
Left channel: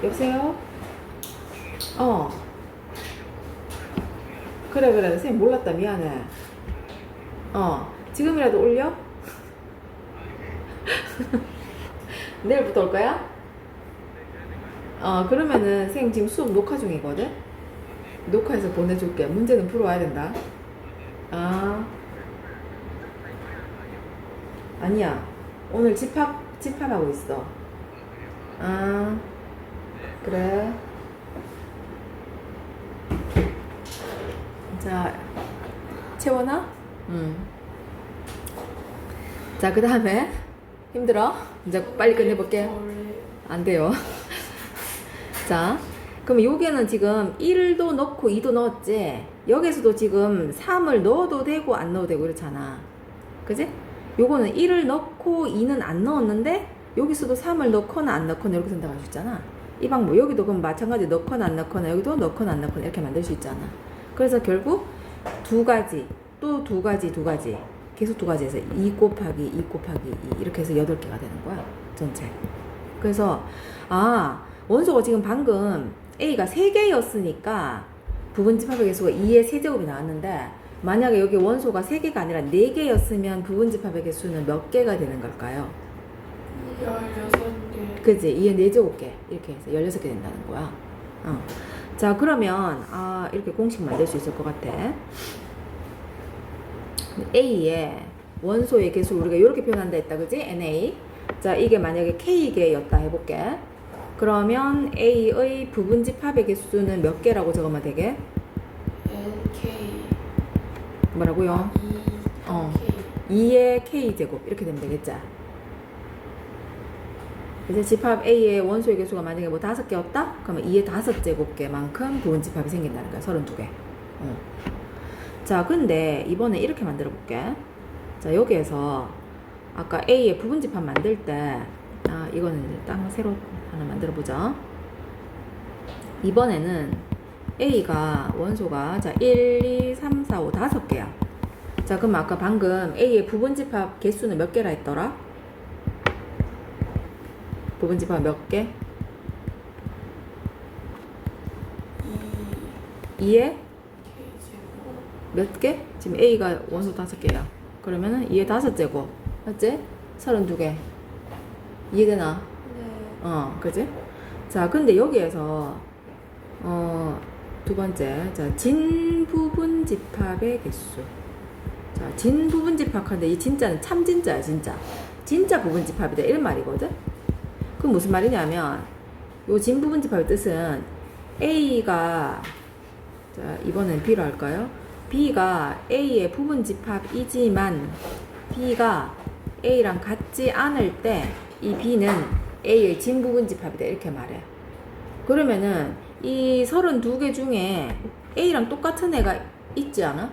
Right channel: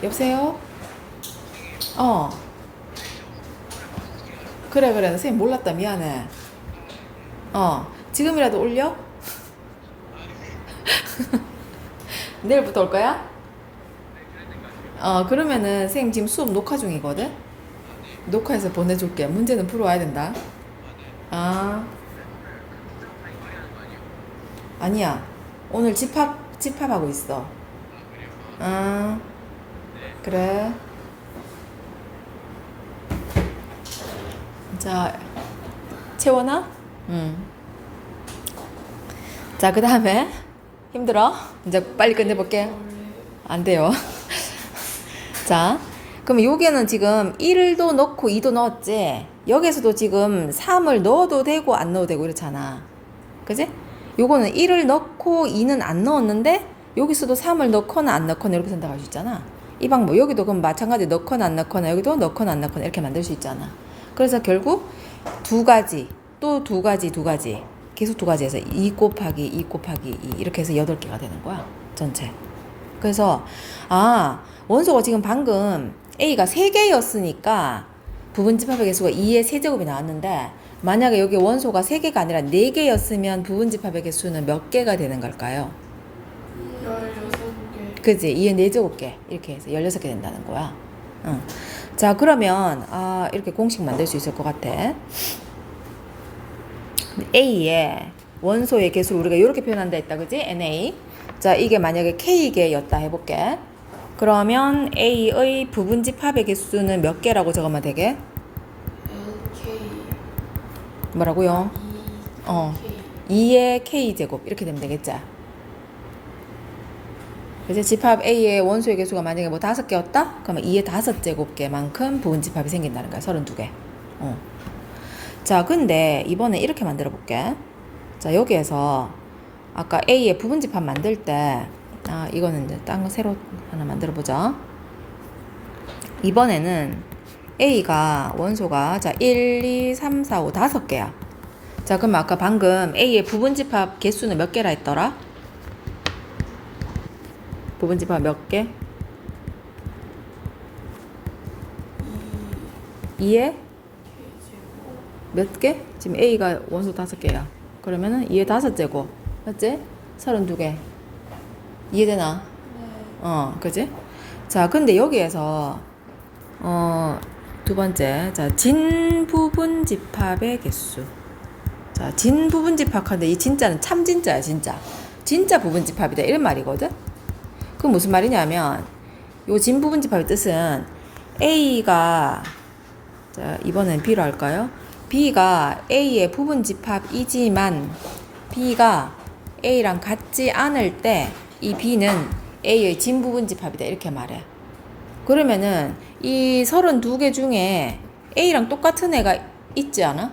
여보세요? 그래 선생님 몰랐다. 미안해. 지금이라도 올려? 내일부터 올 거야? 그러면은 선생님 지금 수업 녹화 중이거든? 녹화해서 보내줄게. 문제는 풀어와야 된다. 아니야. 오늘 집합하고 있어. 그래. 자, 채원아? 자, 그 다음에 힘들어? 이제 빨리 끝내볼게. 안 돼요. 자, 그럼 여기는 지금 1도 넣고 2도 넣었지? 여기서도 지금 3을 넣어도 되고 안 넣어도 되고 이렇잖아. 그지? 요거는 1을 넣고 2는 안 넣었는데 여기서도 3을 넣거나 안 넣거나 이렇게 선택할 수 있잖아. 이 방법 여기도 그럼 마찬가지 넣거나 안 넣거나 여기도 넣거나 안 넣거나 이렇게 만들 수 있잖아. 그래서 결국 두 가지 또 두 가지 계속 두 가지에서 2 곱하기 2 곱하기 2 이렇게 해서 8개가 되는 거야. 전체. 그래서 원소가 지금 방금 A가 3개였으니까 부분 집합의 개수가 2의 세제곱이 나왔는데 만약에 여기 원소가 3개가 아니라 4개였으면 부분 집합의 개수는 몇 개가 되는 걸까요? 16개. 그지? 2의 4제곱개 이렇게 해서 16개 된다는 거야. 자, 그러면 이렇게 공식 만들 수 있을 것 같아. A의 원소의 개수를 우리가 이렇게 표현한다 했다. 그지? NA. 자, 이게 만약에 K개였다 해볼게. 그러면 A의 부분 집합의 개수는 몇 개라고 적으면 되게? LK. 뭐라고요? 2의 K제곱 이렇게 되면 되겠지? 그래서 집합 A의 원소의 개수가 만약에 뭐 5개였다? 그러면 2의 5제곱개만큼 부분 집합이 생긴다는 거야. 32개. 자, 근데 이번에 이렇게 만들어 볼게. 자, 여기에서 아까 A의 부분집합 만들 때, 이거는 이제 딴 거 새로 하나 만들어 보자. 이번에는 A가 원소가, 자, 1, 2, 3, 4, 5, 5개야. 자, 그럼 아까 방금 A의 부분집합 개수는 몇 개라 했더라? 부분집합 몇 개? 2에 몇 개? 지금 A가 원소 5개야. 그러면은 2에 5제곱. 맞지? 32개. 이해되나? 네. 그지? 자, 근데 여기에서, 두 번째. 자, 진부분집합의 개수. 자, 진부분집합인데 이 진짜는 참 진짜야, 진짜. 진짜 부분집합이다. 이런 말이거든? 그건 무슨 말이냐면, 요 진부분집합의 뜻은 A가, 자, 이번엔 B로 할까요? B가 A의 부분집합이지만 B가 A랑 같지 않을 때 이 B는 A의 진부분집합이다. 이렇게 말해. 그러면은 이 32개 중에 A랑 똑같은 애가 있지 않아?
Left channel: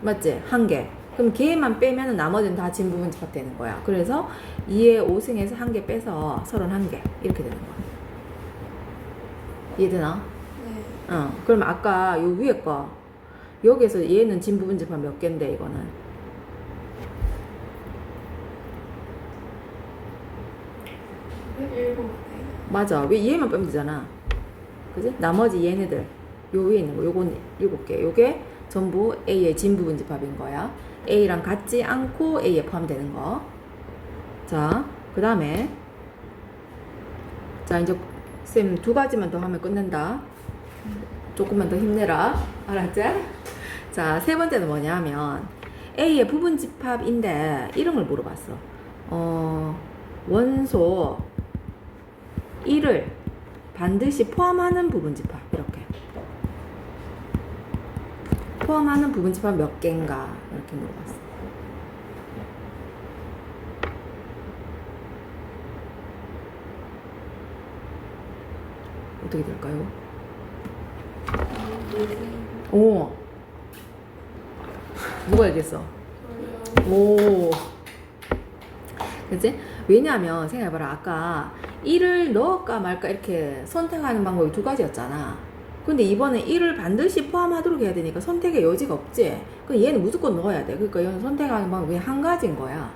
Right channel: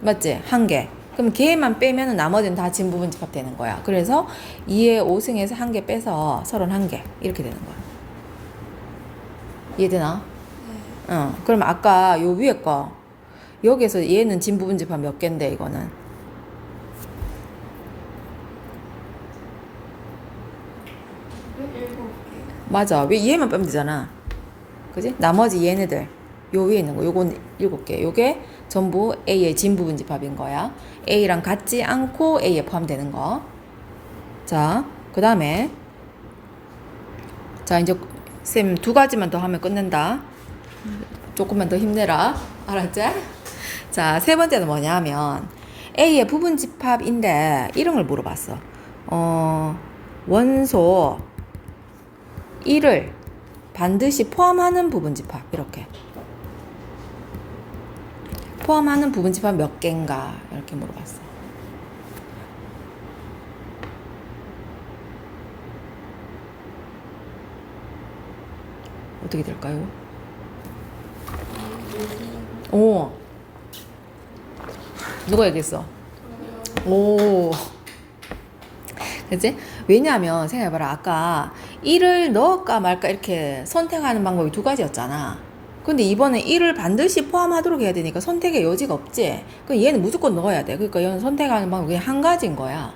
맞지? 한 개. 그럼 걔만 빼면은 나머지는 다 진부분집합 되는 거야. 그래서 2의 5승에서 한 개 빼서 31개. 이렇게 되는 거야. 이해되나? 네. 그럼 아까 요 위에 거 여기에서 얘는 진부분집합 몇 개인데 이거는 7개. 맞아. 왜 얘만 빼면 되잖아. 그지? 나머지 얘네들 요 위에 있는 거 요건 7개. 요게 전부 A의 진부분집합인 거야. A랑 같지 않고 A에 포함되는 거. 자, 그 다음에 자, 이제 쌤 2가지만 더 하면 끝낸다. 조금만 더 힘내라. 알았지? 자, 세 번째는 뭐냐 하면 A의 부분집합인데 이런 걸 물어봤어. 원소 1을 반드시 포함하는 부분집합. 이렇게. 포함하는 부분집합 몇 개인가? 이렇게 물어봤어. 어떻게 될까요? 오. 누가 얘기했어? 오. 그치? 왜냐하면 생각해봐라. 아까 1을 넣을까 말까 이렇게 선택하는 방법이 2가지였잖아. 근데 이번에 1을 반드시 포함하도록 해야 되니까 선택의 여지가 없지. 그러니까 얘는 무조건 넣어야 돼. 그러니까 얘는 선택하는 방법이 그냥 한 가지인 거야.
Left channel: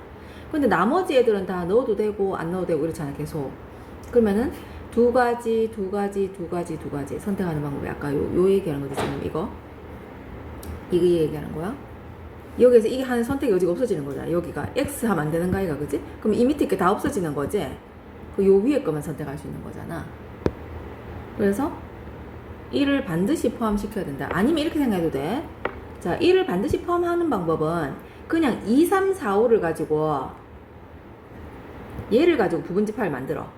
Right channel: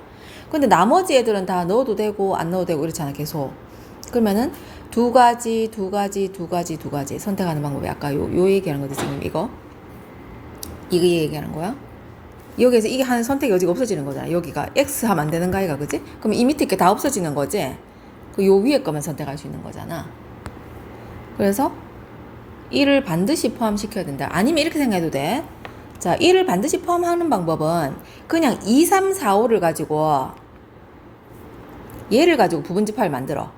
근데 나머지 애들은 다 넣어도 되고 안 넣어도 되고 이렇잖아, 계속. 그러면은 2가지 선택하는 방법이 아까 요 얘기하는 거지, 지금 이거 얘기하는 거야. 여기에서 이게 하는 선택 여지가 없어지는 거잖아. 여기가 X 하면 안 되는 거 아이가, 그지? 그럼 이 밑에 게 다 없어지는 거지? 그 요 위에 거만 선택할 수 있는 거잖아. 그래서 1을 반드시 포함시켜야 된다. 아니면 이렇게 생각해도 돼. 자, 1을 반드시 포함하는 방법은 그냥 2, 3, 4, 5를 가지고 얘를 가지고 부분집합을 만들어.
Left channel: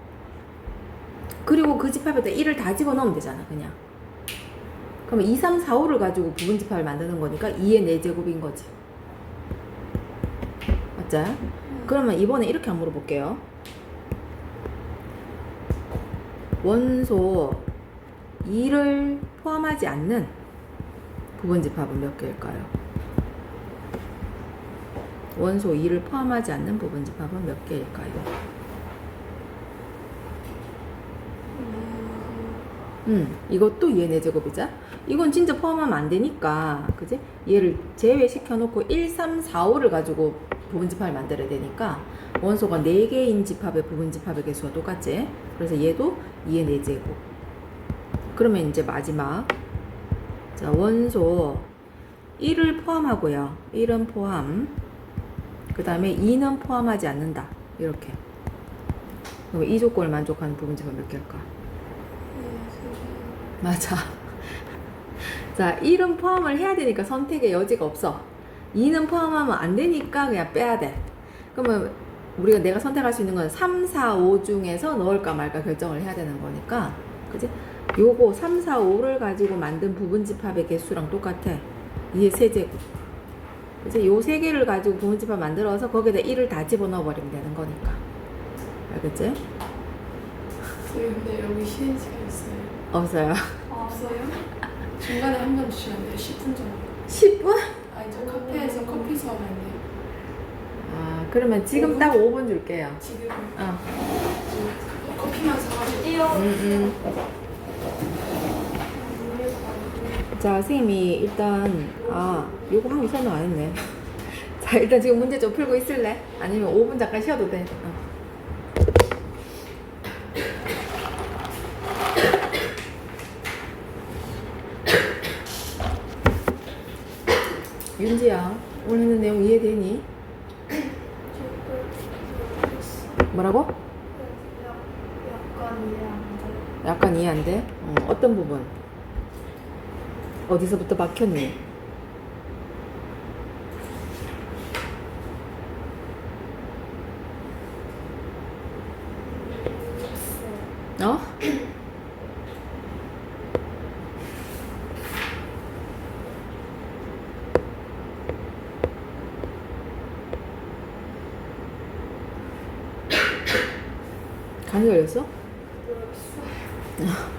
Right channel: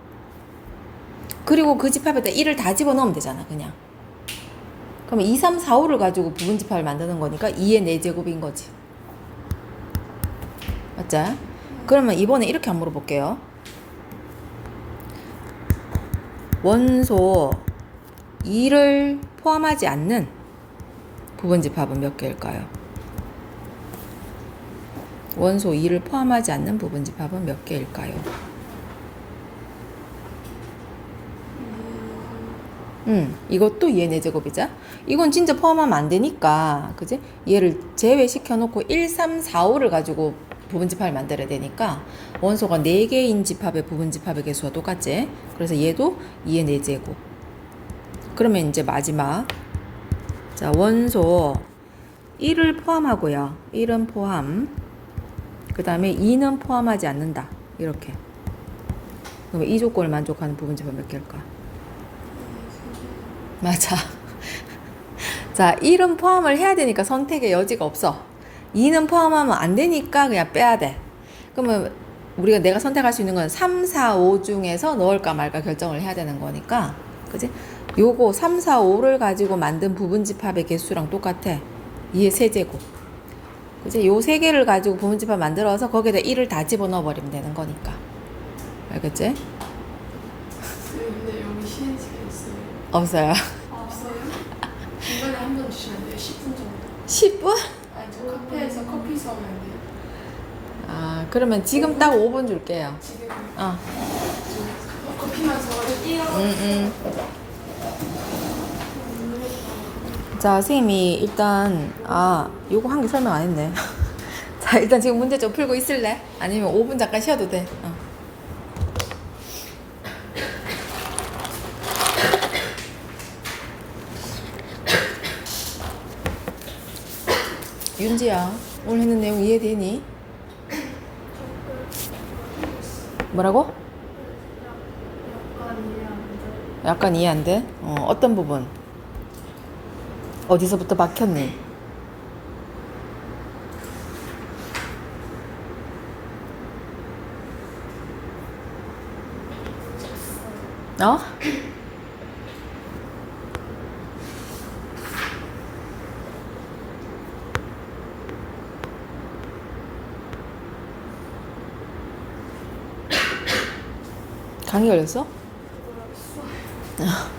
그리고 그 집합에다 1을 다 집어넣으면 되잖아, 그냥. 그러면 2, 3, 4, 5를 가지고 부분집합을 만드는 거니까 2의 4제곱인 거지. 맞죠? 그러면 이번에 이렇게 한번 물어볼게요. 원소 2를 포함하지 않는 부분집합은 몇 개일까요? 원소 2를 포함하지 않는 부분집합은 몇 개일까요? 이것도 얘 4제곱이자. 이건 진짜 포함하면 안 되니까, 그지? 얘를 제외시켜 놓고 1, 3, 4, 5를 가지고 부분집합을 만들어야 되니까 원소가 4개인 집합의 부분집합의 개수와 똑같지? 그래서 얘도 2의 4제곱. 그러면 이제 마지막. 자, 원소 1을 포함하고요. 1은 포함. 그 다음에 2는 포함하지 않는다. 이렇게. 그럼 이 조건을 만족하는 부분집합 몇 개일까? 맞아. 자, 1은 포함을 해야 되니까 선택의 여지가 없어. 2는 포함하면 안 되니까 그냥 빼야 돼. 그러면 내가 선택할 수 있는 건 3, 4, 5 중에서 넣을까 말까 결정을 해야 되는 거니까. 그지? 요거 3, 4, 5를 가지고 만든 부분집합의 개수랑 똑같아. 2의 세제곱. 그지? 요 3개를 가지고 부분집합 만들어서 거기에다 1을 다 집어넣어 버리면 되는 거니까. 알겠지? 근데 여기 쉬는 시간 있어요? 없어요. 없어요? 중간에 한 번 주시면 돼요. 10분 정도. 10분? 아니 수업인데 아, 그러면 지금 딱 5분 줄게요. 지금 어. 커피 마셔가지고 자, 선생님이 일단, 요거 한 개 설명 안 했네. 자, 일단 지금 문제 좀 풀고 있을래? 아니면 5분 잠깐 쉬어도 돼. 윤지야, 오늘 했는 내용 이해되니? 뭐라고? 약간 이해 안 돼. 약간 이해 안 돼? 어떤 부분? 어디서부터 막혔니? 어? 감기 걸렸어? 몰랐어.